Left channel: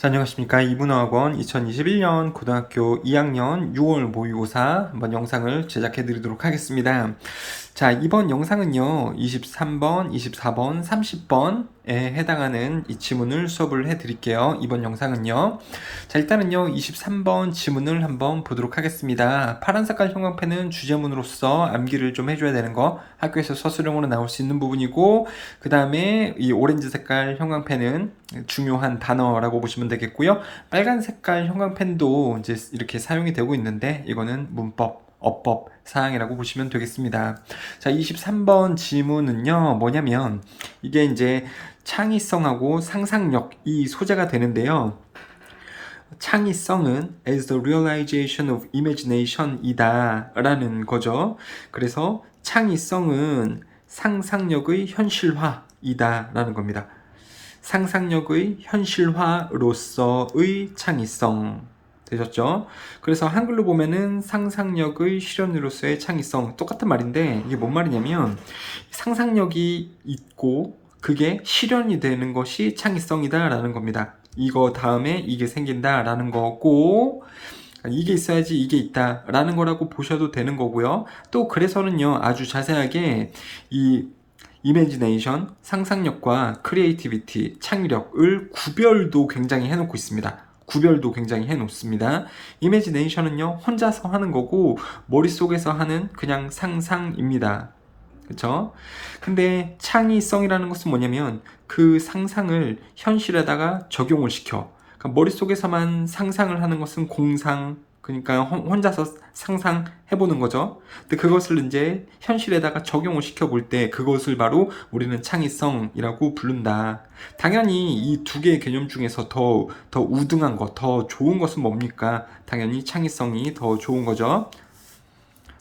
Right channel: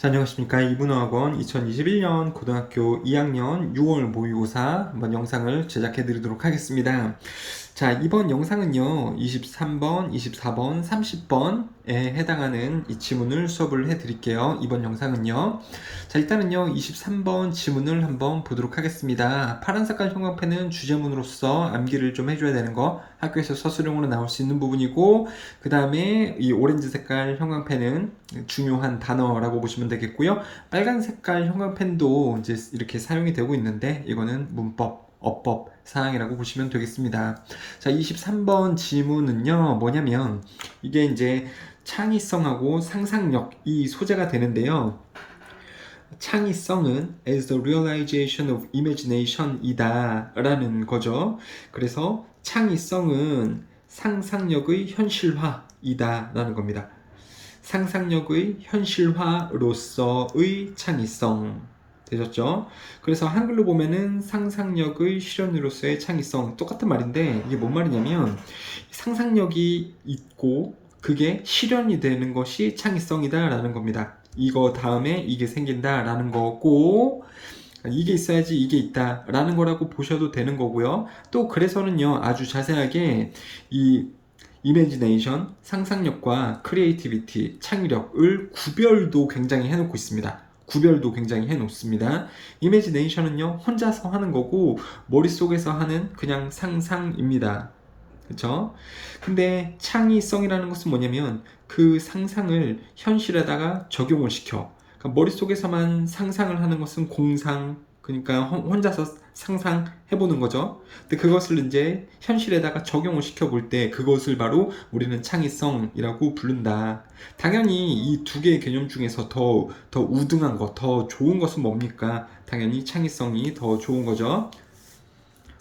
자, 안녕하십니까. 이분어학원 2021년 고등학교 2학년 6월 모의고사 한번 영상을 제작해 드리도록 하겠습니다. 자, 이번 영상은요, 23번, 24번, 30번에 해당하는 이 지문을 수업을 해 드릴게요. 이번 영상은요. 자, 일단은요, 23번 지문을 한번 보도록 하겠습니다. 파란 색깔 형광펜은 주제문으로서 암기를 좀 해줘야 되는 거, 학교에서 서술형으로 나올 수 있는 부분이고, 그 다음에 이 오렌지 색깔 형광펜은 중요한 단어라고 보시면 되겠고요. 빨간 색깔 형광펜도 이제 이렇게 사용이 되고 있는데, 이거는 문법, 어법 사항이라고 보시면 되겠습니다. 자, 23번 지문은요, 뭐냐면, 이게 이제 창의성하고 상상력, 이 소재가 되는데요. 창의성은 as the realization of imagination 이다 라는 거죠. 그래서 창의성은 상상력의 현실화이다 라는 겁니다. 상상력의 현실화로서의 창의성 되셨죠? 그래서 한글로 보면은 상상력의 실현으로서의 창의성 똑같은 말인데 이게 뭔 말이냐면 상상력이 있고 그게 실현이 되는 것이 창의성이다 라는 겁니다. 이거 다음에 이게 생긴다 라는 거고 이게 있어야지 이게 있다 라는 거라고 보셔도 되는 거고요. 또 그래서는요 아주 자세하게 이 이미지네이션, 상상력과 크리에이티비티, 창의력을 구별도 굉장히 해놓고 있습니다. 구별도 굉장히 해놓습니다. 이미지네이션은요 혼자서 하는 거고 머릿속에서 하는 그냥 상상입니다. 그쵸? 근데 창의성이라는 것은 뭐냐면 그 상상을 현실에다가 적용을 시켜. 그러니까 머릿속에서만 상상을 하는 것은 공상, 그러니까 혼자서 상상해보는 거죠. 근데 그것을 이제 현실에다가 적용을 시켜볼 때 그것을 바로 우리는 창의성이라고 부른다. 당연히 이 두 개의 개념 중에서 더 우등한 것, 더 좋은 것은 뭡니까? 당연히 창의성이 더 좋은 거죠.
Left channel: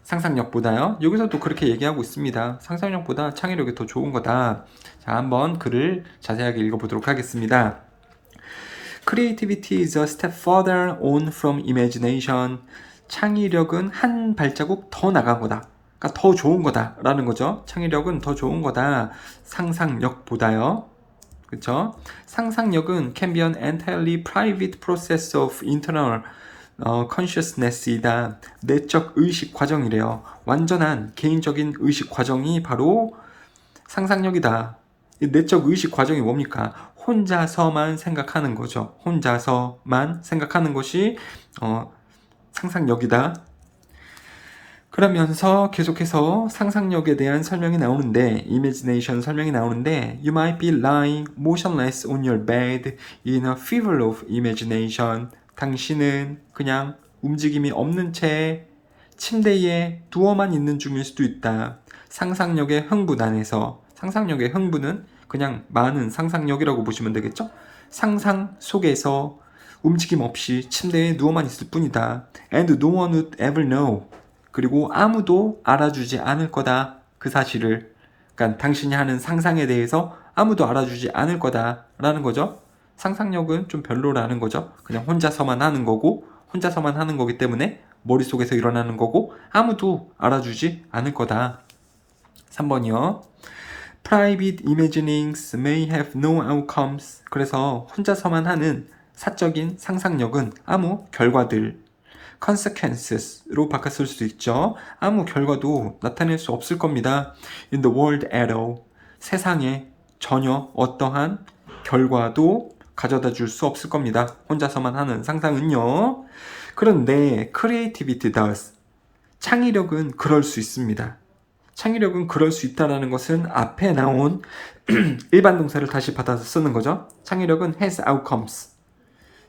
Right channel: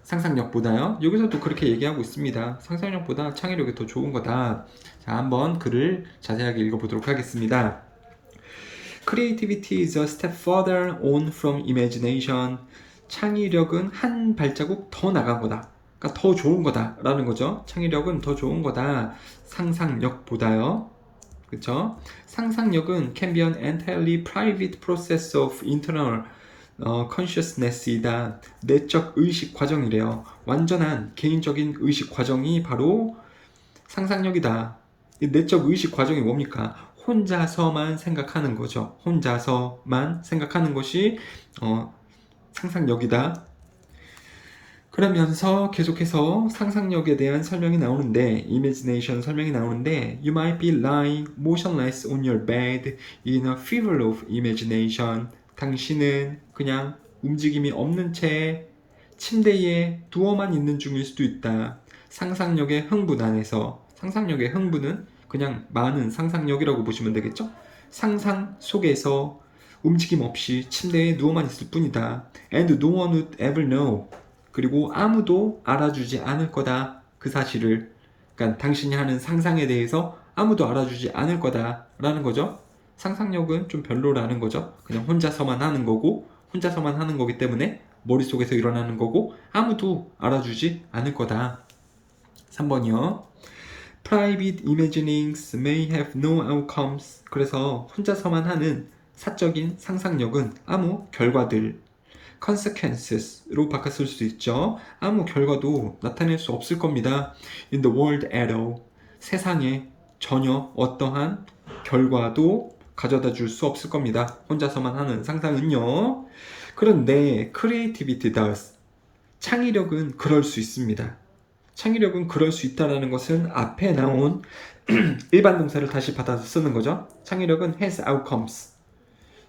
상상력보다요. 여기서도 그렇게 얘기하고 있습니다. 상상력보다 창의력이 더 좋은 거다. 자, 한번 글을 자세하게 읽어보도록 하겠습니다. Creativity is a step further on from imagination. 창의력은 한 발자국 더 나간 거다. 그러니까 더 좋은 거다라는 거죠. 창의력은 더 좋은 거다. 상상력보다요. 그렇죠? 상상력은 can be an entirely private process of internal consciousness이다. 내적 의식 과정이래요. 완전한 개인적인 의식 과정이 바로 상상력이다. 이 내적 의식 과정이 뭡니까? 혼자서만 생각하는 거죠. 혼자서만 생각하는 것이 상상력이다. 그러면서 계속해서 상상력에 대한 설명이 나오는데, imagination 설명이 나오는데, you might be lying motionless on your bed in a fever of imagination. 당신은 그냥 움직임이 없는 채 침대에 누워만 있는 중일 수도 있다. 상상력의 흥분 안에서. 상상력의 흥분은 그냥 많은 상상력이라고 보시면 되겠죠? 상상 속에서 움직임 없이 침대에 누워만 있을 뿐이다. And no one would ever know. 그리고 아무도 알아주지 않을 거다. 그 사실을. 그러니까 당신이 하는 상상에 대해서 아무도 알아주지 않을 거다라는 거죠. 상상력은 좀 별로라는 거죠. 그냥 혼자서만 하는 거고 혼자서만 하는 거기 때문에 머릿속에서 일어나는 거고 아무도 알아주지 않을 거다. 3번이요. Private imaginings may have no outcomes. 그래서 혼자서만 하는 사적인 상상력은 아무 결과들 consequences로 바꿨을 수도 있죠. 아무 결과도 나타낼 수 없을 겁니다. In the world at all. 세상에 전혀 어떠한 결과도 가져다 줄 수 없을 겁니다. 혼자서만 하는 상상은요. 그런데 creativity does. 창의력은 그럴 수 있습니다. 창의력은 그럴 수 있다는 것은 앞에 나온 일반 동사를 다시 받아서 쓰는 거죠. 창의력은 has outcomes.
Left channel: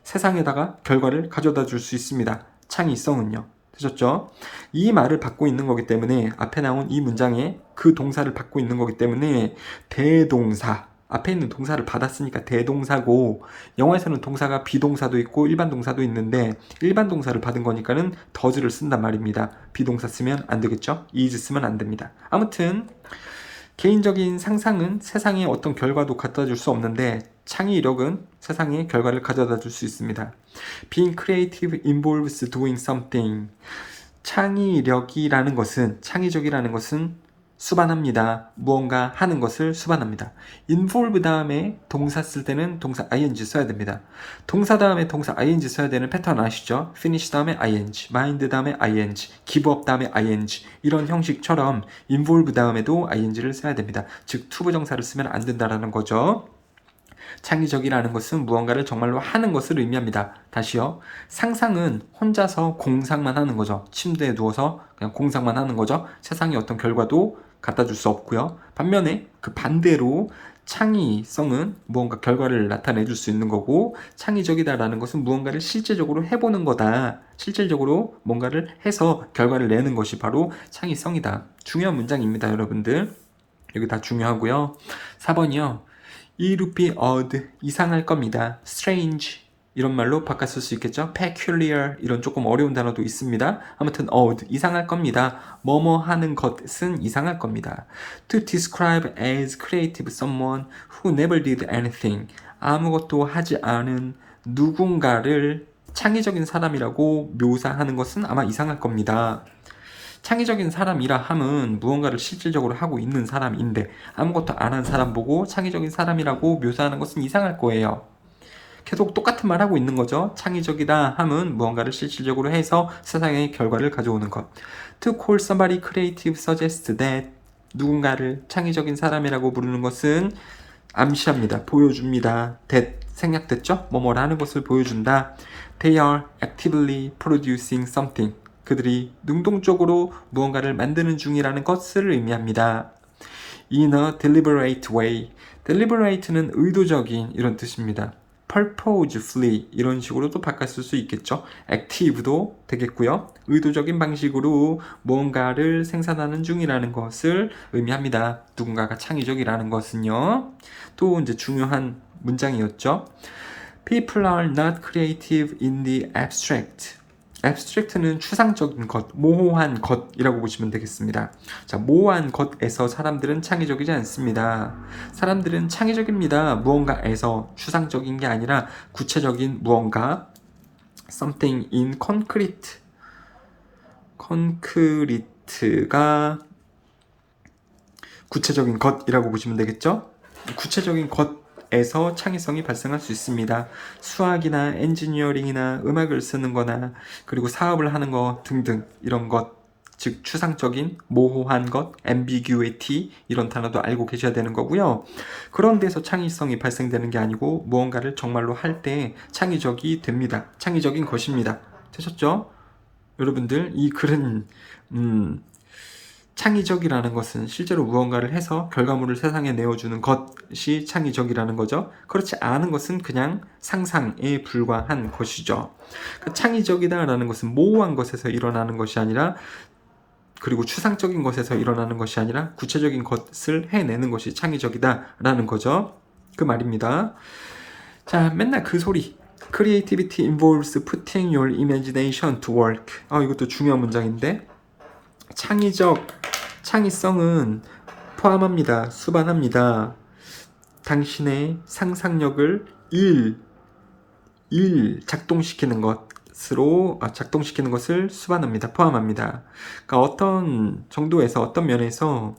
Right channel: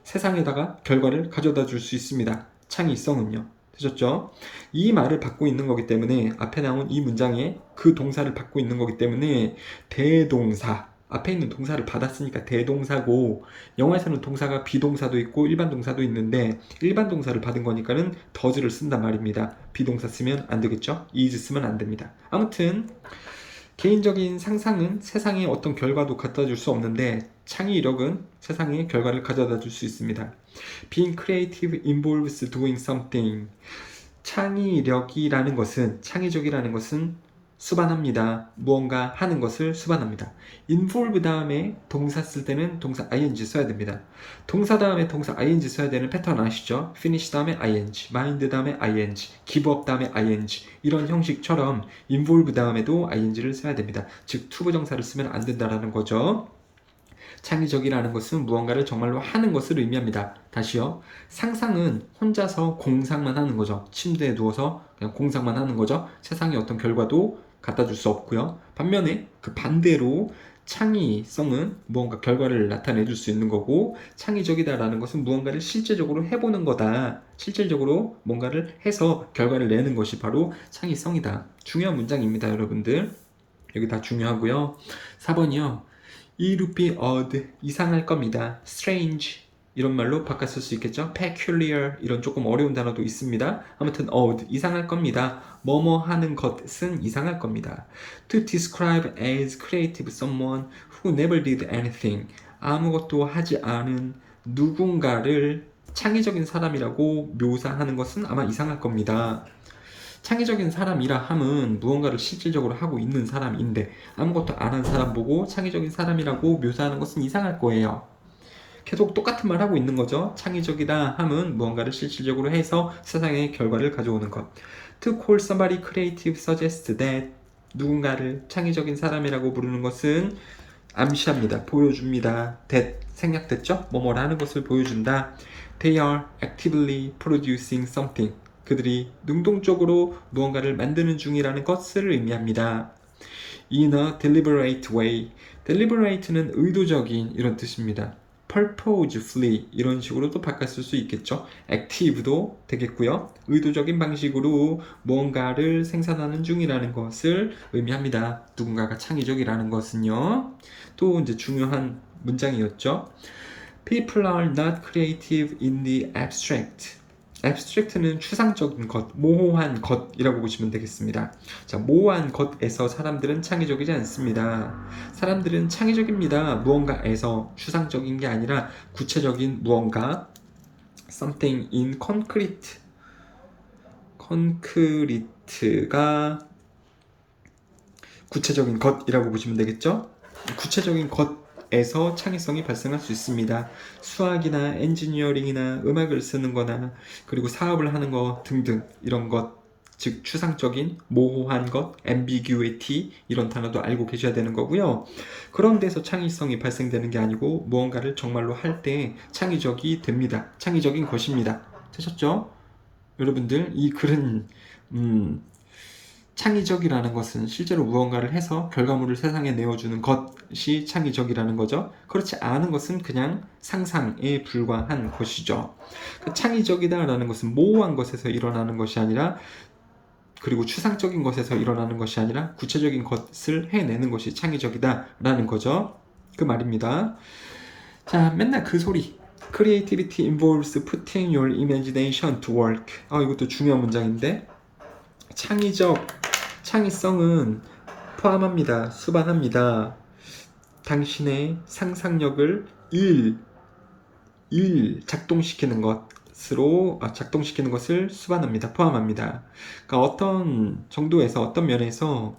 세상에다가 결과를 가져다 줄 수 있습니다. 창의성은요. 되셨죠? 이 말을 받고 있는 거기 때문에 앞에 나온 이 문장에 그 동사를 받고 있는 거기 때문에 대동사 앞에 있는 동사를 받았으니까 대동사고 영어에서는 동사가 비동사도 있고 일반 동사도 있는데 일반 동사를 받은 거니까는 does를 쓴단 말입니다. 비동사 쓰면 안 되겠죠? is 쓰면 안 됩니다. 아무튼 개인적인 상상은 세상에 어떤 결과도 갖다 줄 수 없는데 창의력은 세상에 결과를 가져다 줄 수 있습니다. Being creative involves doing something. 창의력이라는 것은, 창의적이라는 것은 수반합니다. 무언가 하는 것을 수반합니다. involve 다음에 동사 쓸 때는 동사 ing 써야 됩니다. 동사 다음에 동사 ing 써야 되는 패턴 아시죠? finish 다음에 ing, mind 다음에 ing, give up 다음에 ing 이런 형식처럼 involve 다음에도 ing를 써야 됩니다. 즉 투부정사를 쓰면 안 된다라는 거죠. 창의적이라는 것은 무언가를 정말로 하는 것을 의미합니다. 다시요. 상상은 혼자서 공상만 하는 거죠. 침대에 누워서 그냥 공상만 하는 거죠. 세상에 어떤 결과도 갖다 줄 수 없고요. 반면에 그 반대로 창의성은 무언가 결과를 나타내 줄 수 있는 거고, 창의적이다라는 것은 무언가를 실질적으로 해보는 거다. 실질적으로 뭔가를 해서 결과를 내는 것이 바로 창의성이다. 중요한 문장입니다, 여러분들. 여기 다 중요하고요. 4번이요. It would be odd, 이상할 겁니다. strange, 이런 말로 바꿨을 수 있겠죠. peculiar, 이런 조금 어려운 단어도 있습니다. 아무튼 odd, 이상할 겁니다. 뭐뭐 하는 것은 이상할 겁니다. To describe as creative someone who never did anything, 아무것도 하지 않은 누군가를 창의적인 사람이라고 묘사하는 것은 아마 이상할 겁니다. 창의적인 사람이라 함은 무언가를 실질적으로 하고 있는 사람인데 아무것도 안 한 사람 보고 창의적인 사람이라고 묘사하는 것은 이상할 거예요. 계속 똑같은 말 하고 있는 거죠. 창의적이다 함은 무언가를 실질적으로 해서 세상의 결과를 가져오는 것. To call somebody creative suggests that, 누군가를 창의적인 사람이라고 부르는 것은 암시합니다. 보여줍니다. that 생략됐죠? 뭐뭐를 하는 것을 보여준다. They are actively producing something. 그들이 능동적으로 무언가를 만드는 중이라는 것을 의미합니다. In a deliberate way. deliberate는 의도적인 이런 뜻입니다. purposefully 이런 식으로도 바꿨을 수 있겠죠. active도 되겠고요. 의도적인 방식으로 무언가를 생산하는 중이라는 것을 의미합니다. 누군가가 창의적이라는 것은요. 또 이제 중요한 문장이었죠. People are not creative in the abstract. abstract는 추상적인 것, 모호한 것이라고 보시면 되겠습니다. 자, 모호한 것에서 사람들은 창의적이지 않습니다. 사람들은 창의적입니다. 무언가에서 추상적인 게 아니라 구체적인 무언가, something in concrete. concrete가 구체적인 것이라고 보시면 되겠죠? 구체적인 것에서 창의성이 발생할 수 있습니다. 수학이나 엔지니어링이나 음악을 쓰는 거나 그리고 사업을 하는 거 등등 이런 것, 즉 추상적인 모호한 것, ambiguity 이런 단어도 알고 계셔야 되는 거고요. 그런 데서 창의성이 발생되는 게 아니고 무언가를 정말로 할 때 창의적이 됩니다. 창의적인 것입니다. 되셨죠? 여러분들 이 글은 창의적이라는 것은 실제로 무언가를 해서 결과물을 세상에 내어주는 것이 창의적이라는 거죠. 그렇지 않은 것은 그냥 상상에 불과한 것이죠. 창의적이다라는 것은 모호한 것에서 일어나는 것이 아니라, 그리고 추상적인 것에서 일어나는 것이 아니라 구체적인 것을 해내는 것이 창의적이다라는 거죠. 그 말입니다. 자, 맨날 그 소리. Creativity involves putting your imagination to work. 이것도 중요한 문장인데, 창의성은 포함합니다. 수반합니다. 당신의 상상력을 작동시키는 것을 수반합니다. 포함합니다. 그러니까 어떤 정도에서, 어떤 면에서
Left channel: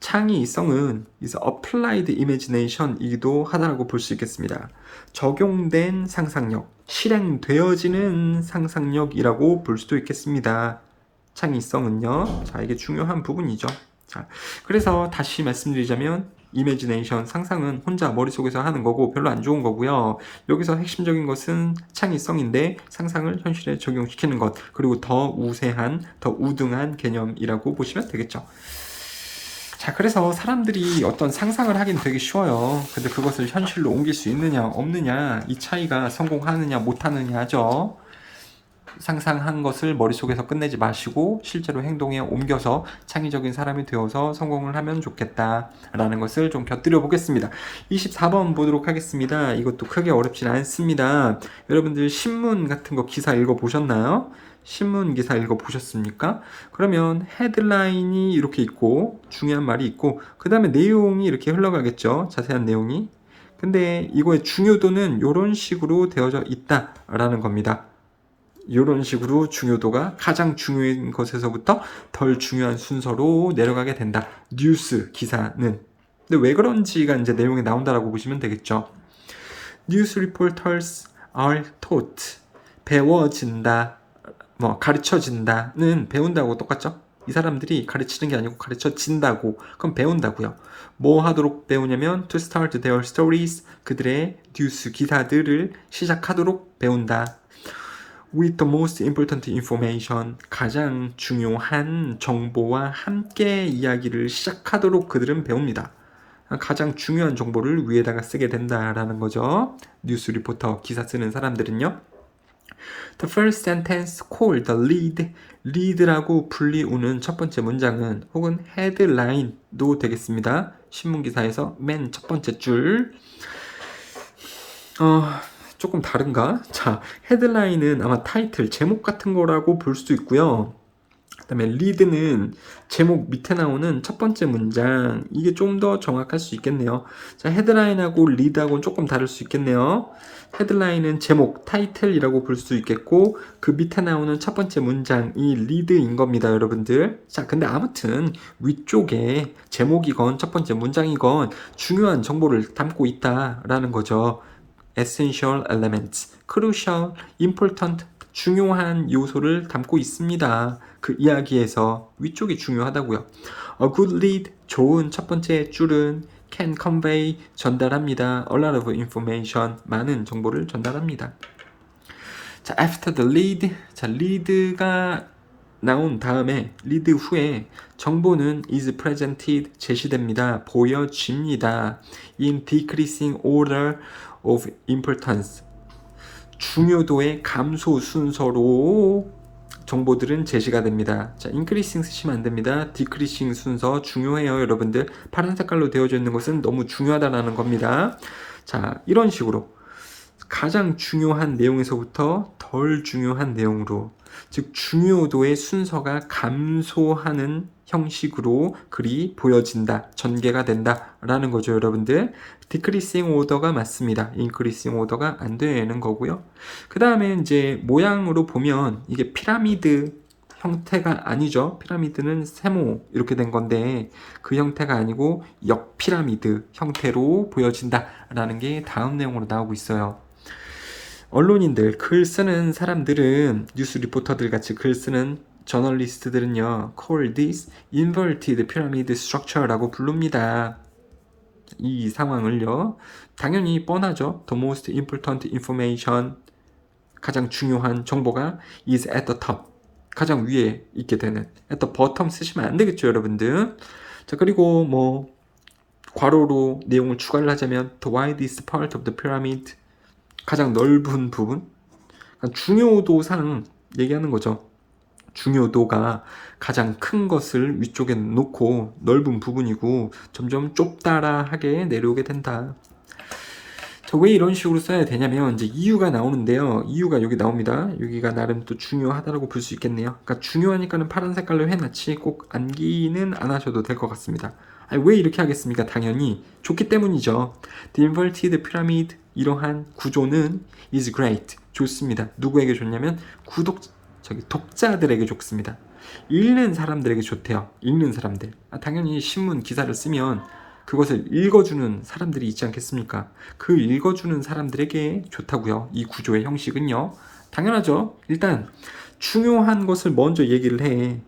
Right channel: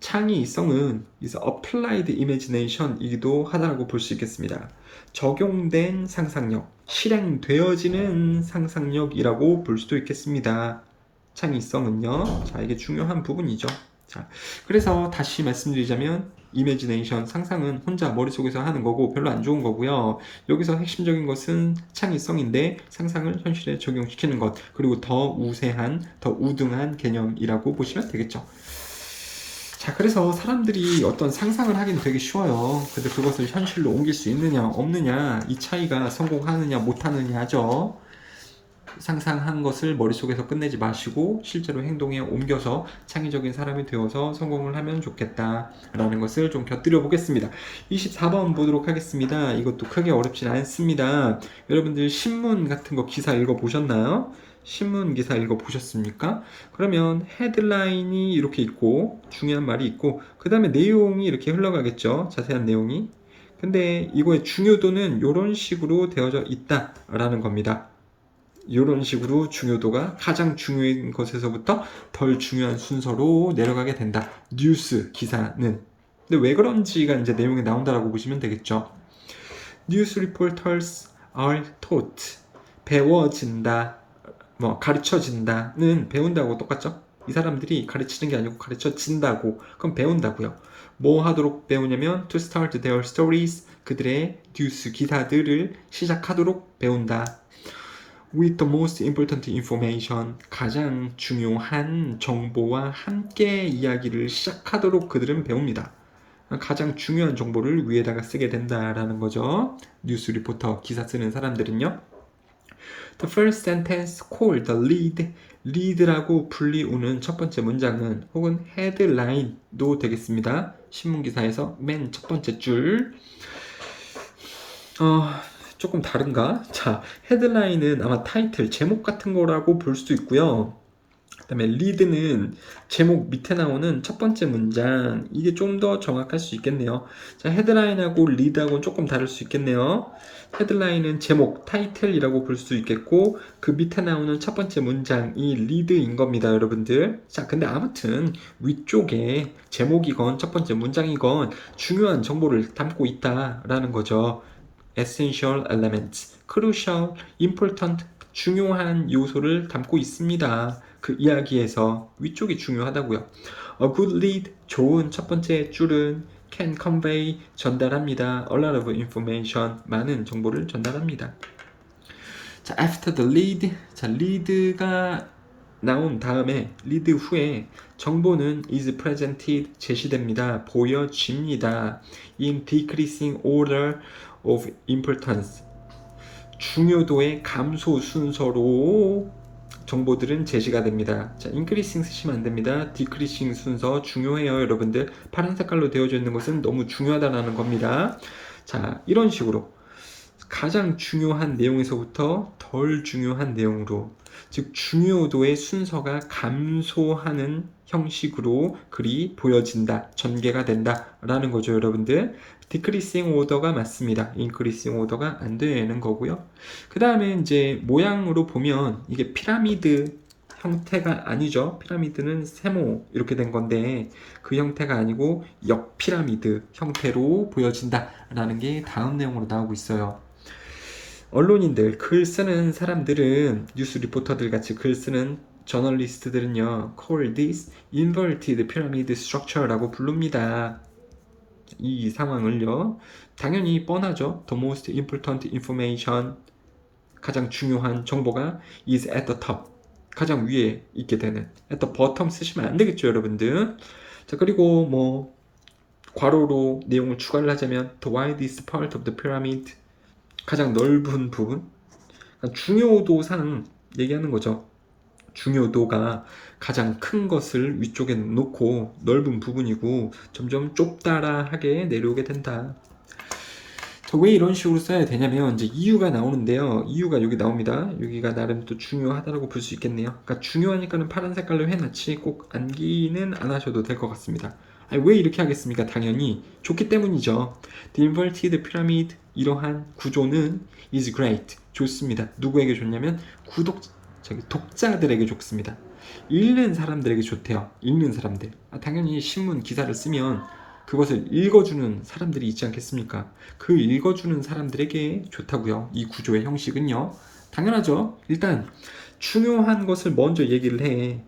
창의성은 is applied imagination이기도 하다고 볼 수 있겠습니다. 적용된 상상력, 실행되어지는 상상력이라고 볼 수도 있겠습니다. 창의성은요. 자, 이게 중요한 부분이죠. 자, 그래서 다시 말씀드리자면 이미지네이션, 상상은 혼자 머릿속에서 하는 거고 별로 안 좋은 거고요. 여기서 핵심적인 것은 창의성인데 상상을 현실에 적용시키는 것, 그리고 더 우세한, 더 우등한 개념이라고 보시면 되겠죠. 자, 그래서 사람들이 어떤 상상을 하기는 되게 쉬워요. 근데 그것을 현실로 옮길 수 있느냐 없느냐, 이 차이가 성공하느냐 못하느냐죠. 상상한 것을 머릿속에서 끝내지 마시고 실제로 행동에 옮겨서 창의적인 사람이 되어서 성공을 하면 좋겠다라는 것을 좀 곁들여 보겠습니다. 24번 보도록 하겠습니다. 이것도 크게 어렵진 않습니다. 여러분들 신문 같은 거 기사 읽어보셨나요? 신문 기사 읽어보셨습니까? 그러면 헤드라인이 이렇게 있고 중요한 말이 있고 그 다음에 내용이 이렇게 흘러가겠죠. 자세한 내용이. 근데 이거의 중요도는 이런 식으로 되어져 있다라는 겁니다. 이런 식으로 중요도가 가장 중요한 것에서부터 덜 중요한 순서로 내려가게 된다. 뉴스 기사는. 근데 왜 그런지가 이제 내용에 나온다라고 보시면 되겠죠. News reporters are taught. 배워진다. 가르쳐진다는 배운다고 똑같죠? 이 사람들이 가르치는 게 아니고 가르쳐진다고. 그럼 배운다고요. 뭐 하도록 배우냐면 to start their stories. 그들의 뉴스 기사들을 시작하도록 배운다. With the most important information. 가장 중요한 정보와 함께 이야기를 시작하도록 그들은 배웁니다. 가장 중요한 정보를 위에다가 쓰게 된다라는 거죠. 뉴스 리포터 기사 쓰는 사람들은요. The first sentence called the lead. lead라고 불리우는 첫 번째 문장은 혹은 headline도 되겠습니다. 신문 기사에서 맨 첫 번째 줄. 조금 다른가? 자, 헤드라인은 아마 타이틀, 제목 같은 거라고 볼 수도 있고요. 그 다음에 리드는 제목 밑에 나오는 첫 번째 문장. 이게 좀 더 정확할 수 있겠네요. 자, 헤드라인하고 리드하고는 조금 다를 수 있겠네요. 헤드라인은 제목, 타이틀이라고 볼 수 있겠고 그 밑에 나오는 첫 번째 문장이 리드인 겁니다, 여러분들. 자, 근데 아무튼 위쪽에 제목이건 첫 번째 문장이건 중요한 정보를 담고 있다라는 거죠. essential elements, crucial, important, 중요한 요소를 담고 있습니다. 그 이야기에서 위쪽이 중요하다고요. A good lead, 좋은 첫 번째 줄은 can convey, 전달합니다. A lot of information, 많은 정보를 전달합니다. 자, after the lead, 자, lead가 나온 다음에 lead 후에 정보는 is presented, 제시됩니다. 보여집니다. in decreasing order of importance, 중요도의 감소 순서로 정보들은 제시가 됩니다. 자, increasing 쓰시면 안 됩니다. decreasing 순서 중요해요, 여러분들. 파란 색깔로 되어져 있는 것은 너무 중요하다라는 겁니다. 자, 이런 식으로 가장 중요한 내용에서부터 덜 중요한 내용으로, 즉 중요도의 순서가 감소하는 형식으로 글이 보여진다, 전개가 된다라는 거죠, 여러분들. decreasing order가 맞습니다. increasing order가 안 되는 거고요. 그 다음에 이제 모양으로 보면 이게 피라미드 형태가 아니죠. 피라미드는 세모 이렇게 된 건데 그 형태가 아니고 역피라미드 형태로 보여진다라는 게 다음 내용으로 나오고 있어요. 언론인들, 글 쓰는 사람들은, 뉴스 리포터들 같이 글 쓰는 저널리스트들은요, call this inverted pyramid structure라고 부릅니다. 이 상황을요. 당연히 뻔하죠. The most important information, 가장 중요한 정보가 is at the top, 가장 위에 있게 되는. at the bottom 쓰시면 안 되겠죠, 여러분들. 자, 그리고 뭐 괄호로 내용을 추가를 하자면 the widest part of the pyramid, 가장 넓은 부분, 그러니까 중요도상 얘기하는 거죠. 중요도가 가장 큰 것을 위쪽에 놓고 넓은 부분이고 점점 좁다라하게 내려오게 된다. 자, 왜 이런 식으로 써야 되냐면 이제 이유가 나오는데요. 이유가 여기 나옵니다. 여기가 나름 또 중요하다라고 볼 수 있겠네요. 그러니까 중요하니까는 파란 색깔로 해놨지 꼭 암기는 안 하셔도 될 것 같습니다. 아니, 왜 이렇게 하겠습니까? 당연히 좋기 때문이죠. The inverted pyramid, 이러한 구조는 is great, 좋습니다. 누구에게 좋냐면 독자들에게 좋습니다. 읽는 사람들에게 좋대요. 읽는 사람들. 당연히 신문 기사를 쓰면 그것을 읽어주는 사람들이 있지 않겠습니까? 그 읽어주는 사람들에게 좋다고요. 이 구조의 형식은요. 당연하죠. 일단 중요한 것을 먼저 얘기를 해.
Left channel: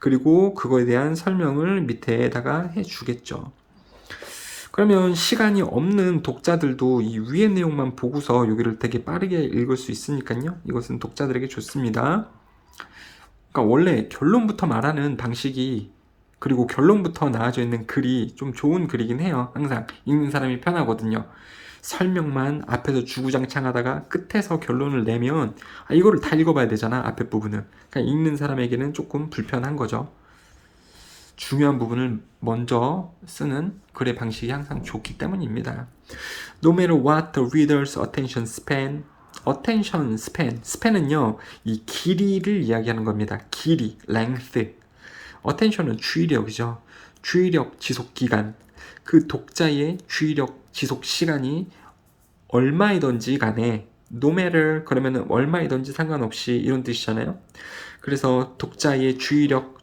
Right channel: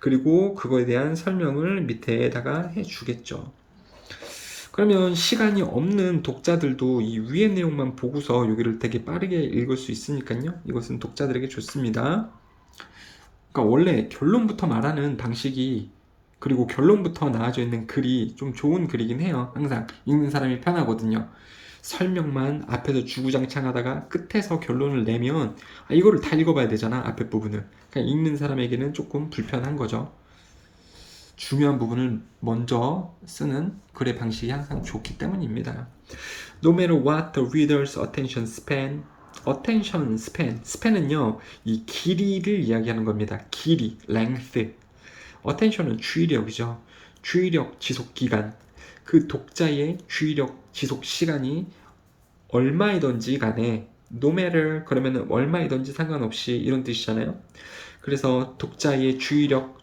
그리고 그거에 대한 설명을 밑에다가 해주겠죠. 그러면 시간이 없는 독자들도 이 위의 내용만 보고서 여기를 되게 빠르게 읽을 수 있으니까요. 이것은 독자들에게 좋습니다. 그러니까 원래 결론부터 말하는 방식이, 그리고 결론부터 나와져 있는 글이 좀 좋은 글이긴 해요. 항상 읽는 사람이 편하거든요. 설명만 앞에서 주구장창 하다가 끝에서 결론을 내면 이거를 다 읽어봐야 되잖아, 앞에 부분을. 그러니까 읽는 사람에게는 조금 불편한 거죠. 중요한 부분을 먼저 쓰는 글의 방식이 항상 좋기 때문입니다. No matter what the reader's attention span, attention span, span은요, 이 길이를 이야기하는 겁니다. 길이, length. attention은 주의력이죠. 주의력 지속 기간. 그 독자의 주의력 지속 시간이 얼마이든지 간에 no matter 그러면은 얼마이든지 상관없이 이런 뜻이잖아요. 그래서 독자의 주의력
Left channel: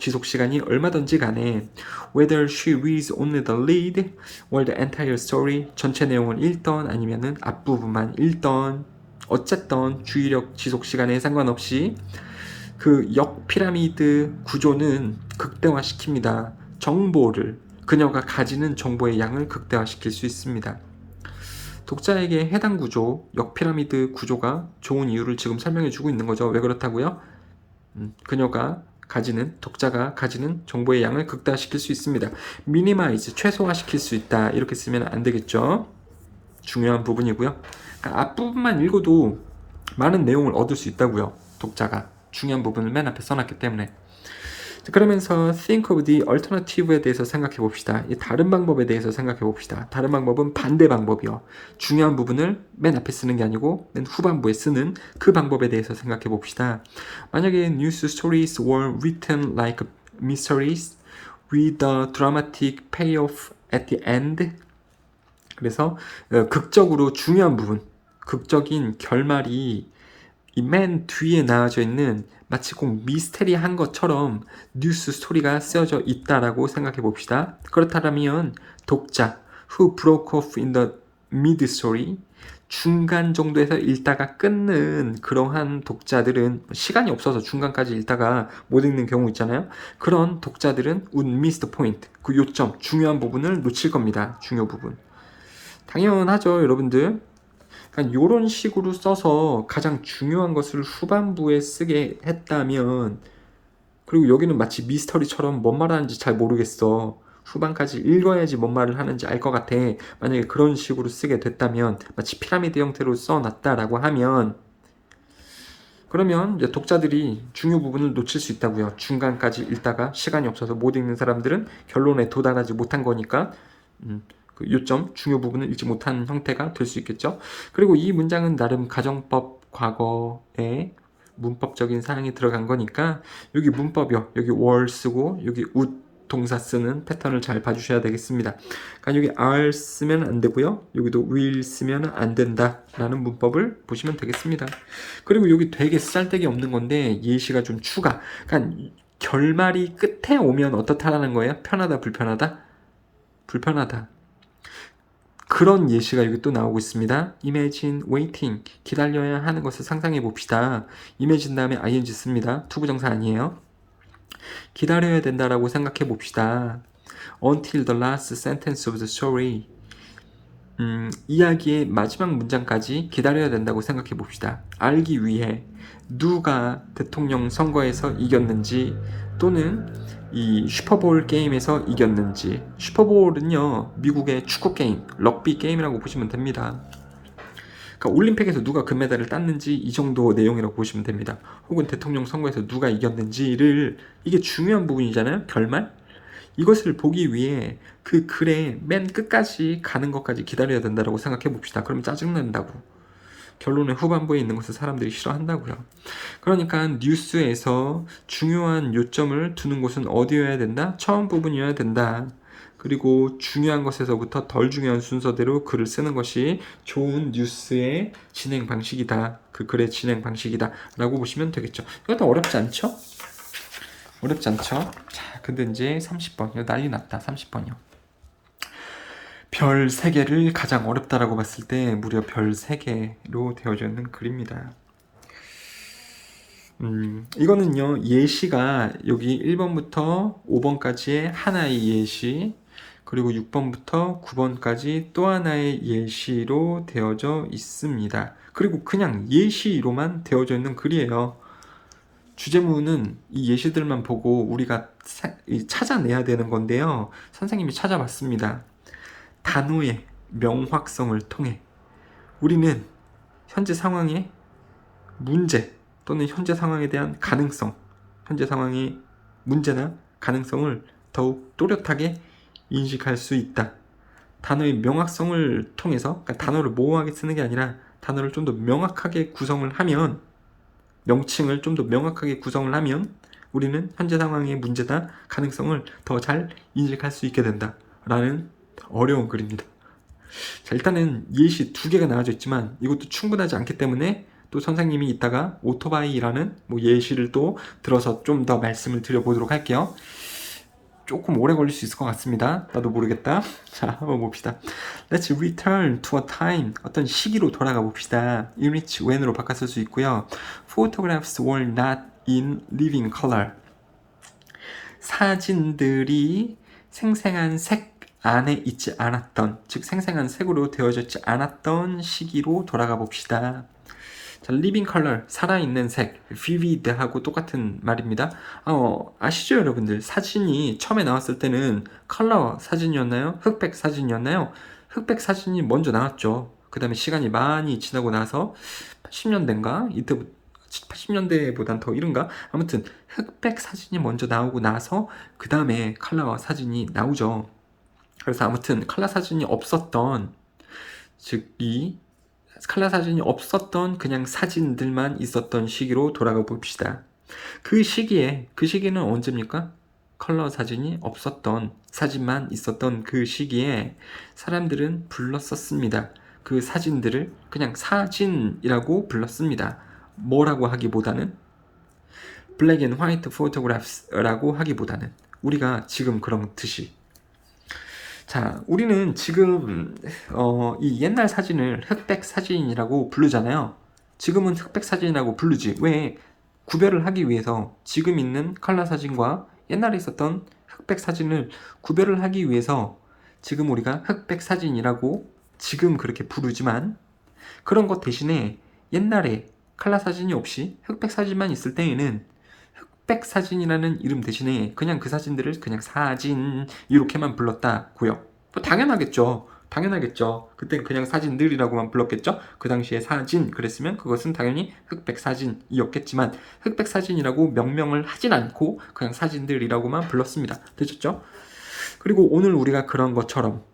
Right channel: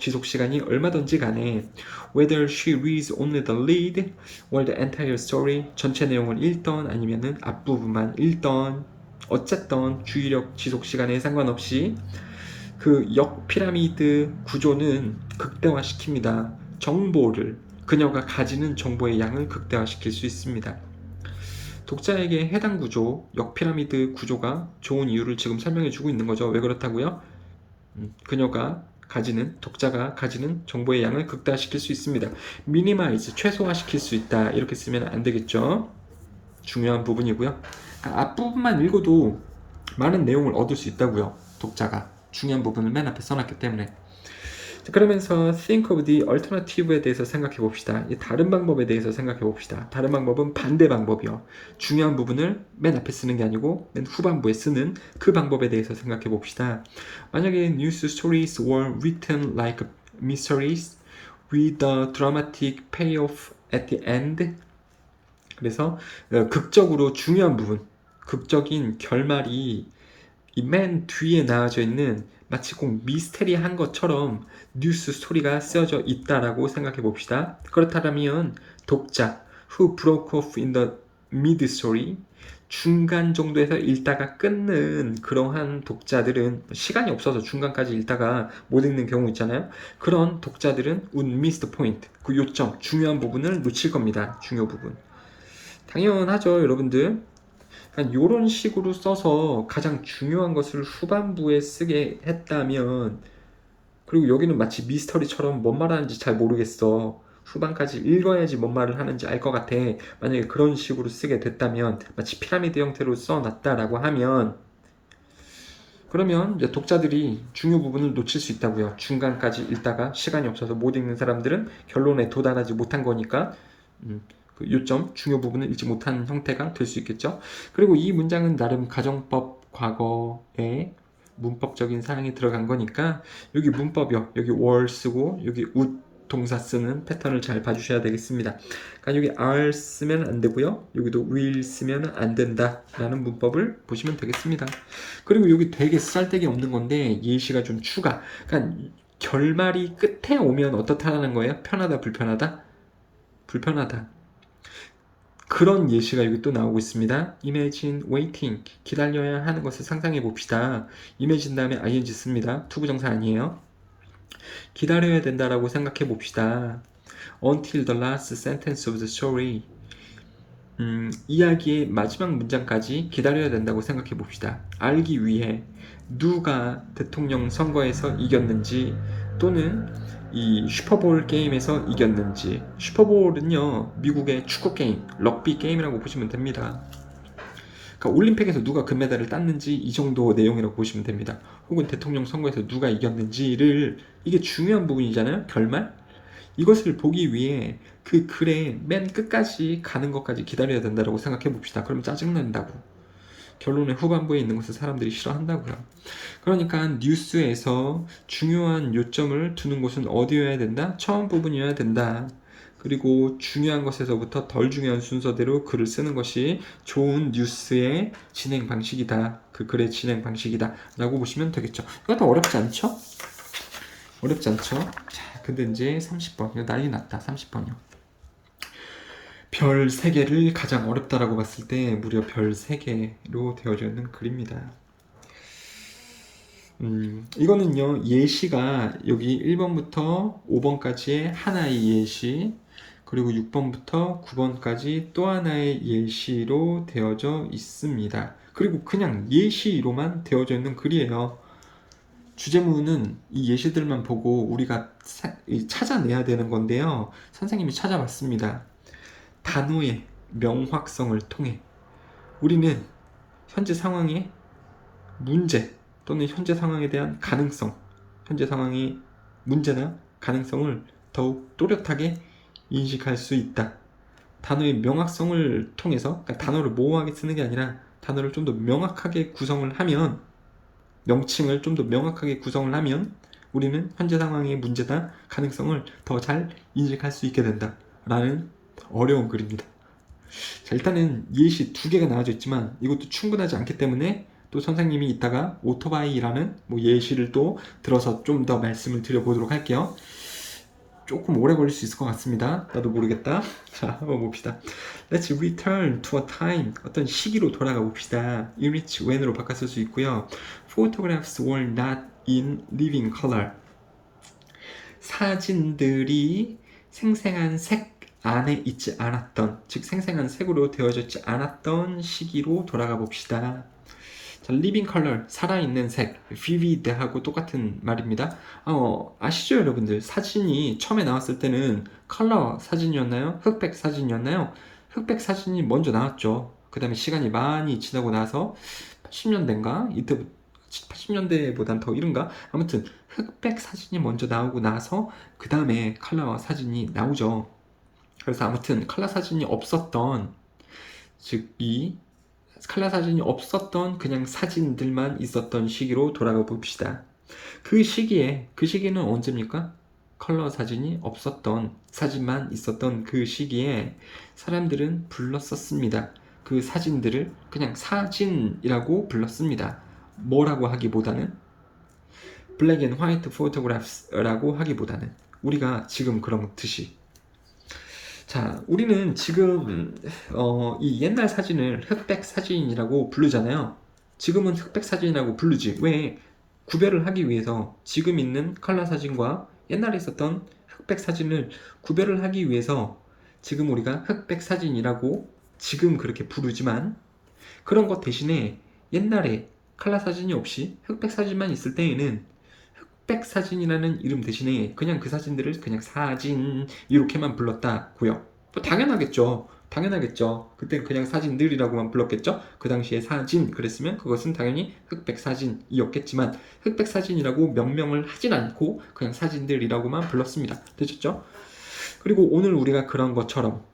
지속 시간이 얼마든지 간에 whether she reads only the lead or the entire story 전체 내용을 읽던 아니면은 앞부분만 읽던 어쨌든 주의력 지속 시간에 상관없이 그 역 피라미드 구조는 극대화시킵니다. 정보를 그녀가 가지는 정보의 양을 극대화시킬 수 있습니다. 독자에게 해당 구조, 역 피라미드 구조가 좋은 이유를 지금 설명해 주고 있는 거죠. 왜 그렇다고요? 독자가 가지는 정보의 양을 극대화시킬 수 있습니다. minimize, 최소화시킬 수 있다. 이렇게 쓰면 안 되겠죠. 중요한 부분이고요. 그러니까 앞부분만 읽어도 많은 내용을 얻을 수 있다고요. 독자가 중요한 부분을 맨 앞에 써놨기 때문에. 그러면서 think of the alternative에 대해서 생각해 봅시다. 이 다른 방법에 대해서 생각해 봅시다. 다른 방법은 반대 방법이요. 중요한 부분을 맨 앞에 쓰는 게 아니고 맨 후반부에 쓰는 그 방법에 대해서 생각해 봅시다. 만약에 news stories were written like mysteries with a dramatic payoff at the end. 그래서 극적으로 중요한 부분, 극적인 결말이 이 맨 뒤에 나와져 있는 마치 꼭 미스테리한 것처럼 뉴스 스토리가 쓰여져 있다라고 생각해 봅시다. 그렇다면 독자 who broke off in the mid story 중간 정도에서 읽다가 끊는 그러한 독자들은 시간이 없어서 중간까지 읽다가 못 읽는 경우 있잖아요. 그런 독자들은 would miss the point 그 요점 중요한 부분을 놓칠 겁니다. 중요 부분. 당연하죠, 여러분들. 이런 식으로 써서 가장 중요한 것을 후반부에 쓰게 했다면, 그리고 여기는 마치 미스터리처럼 뭔 말하는지 잘 모르겠어. 후반까지 읽어야지 뭔 말을 하는지 알 것 같아. 만약에 그런 식으로 쓰게 됐다면, 마치 피라미드 형태로 써놨다라고 하면, 그러면 이제 독자들이 중요 부분을 놓칠 수 있다고요. 중간까지 읽다가 시간이 없어서 못 읽는 사람들은 결론에 도달하지 못한 거니까 그 요점, 중요 부분을 읽지 못한 형태가 될 수 있겠죠. 그리고 이 문장은 나름 가정법 과거에 문법적인 사항이 들어간 거니까 여기 문법이요. 여기 were 쓰고 여기 would 동사 쓰는 패턴을 잘 봐주셔야 되겠습니다. 그러니까 여기 are 쓰면 안 되고요. 여기도 will 쓰면 안 된다 라는 문법을 보시면 되겠습니다. 그리고 여기 되게 쌀데기 없는 건데 예시가 좀 추가. 그러니까 결말이 끝에 오면 어떻다라는 거예요? 편하다, 불편하다? 불편하다. 그런 예시가 여기 또 나오고 있습니다. Imagine waiting. 기다려야 하는 것을 상상해 봅시다. Imagine 다음에 ing 씁니다. 투부정사 아니에요. 기다려야 된다라고 생각해 봅시다. Until the last sentence of the story. 이야기의 마지막 문장까지 기다려야 된다고 생각해 봅시다. 알기 위해 누가 대통령 선거에서 이겼는지 또는 이 슈퍼볼 게임에서 이겼는지. 슈퍼볼은요 미국의 축구 게임, 럭비 게임이라고 보시면 됩니다. 그러니까 올림픽에서 누가 금메달을 땄는지 이 정도 내용이라고 보시면 됩니다. 혹은 대통령 선거에서 누가 이겼는지를, 이게 중요한 부분이잖아요. 결말. 이것을 보기 위해 그 글의 맨 끝까지 가는 것까지 기다려야 된다고 생각해 봅시다. 그러면 짜증난다고. 결론의 후반부에 있는 것을 사람들이 싫어한다고요. 그러니까 뉴스에서 중요한 요점을 두는 곳은 어디여야 된다? 처음 부분이어야 된다. 그리고 중요한 것에서부터 덜 중요한 순서대로 글을 쓰는 것이 좋은 뉴스의 진행 방식이다. 그 글의 진행 방식이다 라고 보시면 되겠죠. 이것도 어렵지 않죠? 어렵지 않죠? 자, 근데 이제 30번. 이거 난리 났다. 30번이요. 별 3개를 가장 어렵다라고 봤을 때 무려 별 3개로 되어져 있는 글입니다. 이거는요, 예시가 여기 1번부터 5번까지의 하나의 예시, 그리고 6번부터 9번까지 또 하나의 예시로 되어져 있습니다. 그리고 그냥 예시로만 되어져 있는 글이에요. 주제문은 이 예시들만 보고 우리가 찾아내야 되는 건데요. 선생님이 찾아봤습니다. 단어의 명확성을 통해 우리는 현재 상황의 문제 또는 현재 상황에 대한 가능성, 현재 상황의 문제나 가능성을 더욱 또렷하게 인식할 수 있다. 단어의 명확성을 통해서, 그러니까 단어를 모호하게 쓰는 게 아니라 단어를 좀 더 명확하게 구성을 하면, 명칭을 좀 더 명확하게 구성을 하면 우리는 현재 상황의 문제나 가능성을 더 잘 인식할 수 있게 된다 라는 어려운 글입니다. 자, 일단은 예시 두 개가 나와져 있지만 이것도 충분하지 않기 때문에 또 선생님이 이따가 오토바이라는 뭐 예시를 또 들어서 좀 더 말씀을 드려보도록 할게요. 조금 오래 걸릴 수 있을 것 같습니다. 나도 모르겠다. 자, 한번 봅시다. Let's return to a time. 어떤 시기로 돌아가 봅시다. in which when으로 바꿨을 수 있고요. Photographs were not in living color. 사진들이 생생한 색 안에 있지 않았던, 즉 생생한 색으로 되어졌지 않았던 시기로 돌아가 봅시다. 자, living color, 살아있는 색, vivid하고 똑같은 말입니다. 아시죠, 여러분들? 사진이 처음에 나왔을 때는 컬러 사진이었나요? 흑백 사진이었나요? 흑백 사진이 먼저 나왔죠. 그 다음에 시간이 많이 지나고 나서 80년대인가? 이때부터 80년대보단 더 이른가? 아무튼 흑백 사진이 먼저 나오고 나서 그 다음에 컬러 사진이 나오죠. 그래서 아무튼 컬러 사진이 없었던, 즉 이 컬러 사진이 없었던 그냥 사진들만 있었던 시기로 돌아가 봅시다. 그 시기는 언제입니까? 컬러 사진이 없었던, 사진만 있었던 그 시기에 사람들은 불렀었습니다. 그 사진들을 그냥 사진이라고 불렀습니다. 뭐라고 하기보다는 black and white photographs라고 하기보다는 우리가 지금 그렇듯이. 자, 우리는 지금 이 옛날 사진을 흑백 사진이라고 부르잖아요. 지금은 흑백 사진이라고 부르지. 왜? 구별을 하기 위해서 지금 있는 컬러 사진과 옛날에 있었던 흑백 사진을 구별을 하기 위해서 지금 우리가 흑백 사진이라고 지금 그렇게 부르지만, 그런 것 대신에 옛날에 컬러 사진이 없이 흑백 사진만 있을 때에는 흑백 사진이라는 이름 대신에 그냥 그 사진들을 그냥 사진 이렇게만 불렀다고요. 뭐 당연하겠죠. 그때 그냥 사진들이라고만 불렀겠죠. 그 당시에 사진 그랬으면 그것은 당연히 흑백 사진이었겠지만 흑백 사진이라고 명명을 하진 않고 그냥 사진들이라고만 불렀습니다. 되셨죠? 그리고 오늘 우리가 그런 것처럼,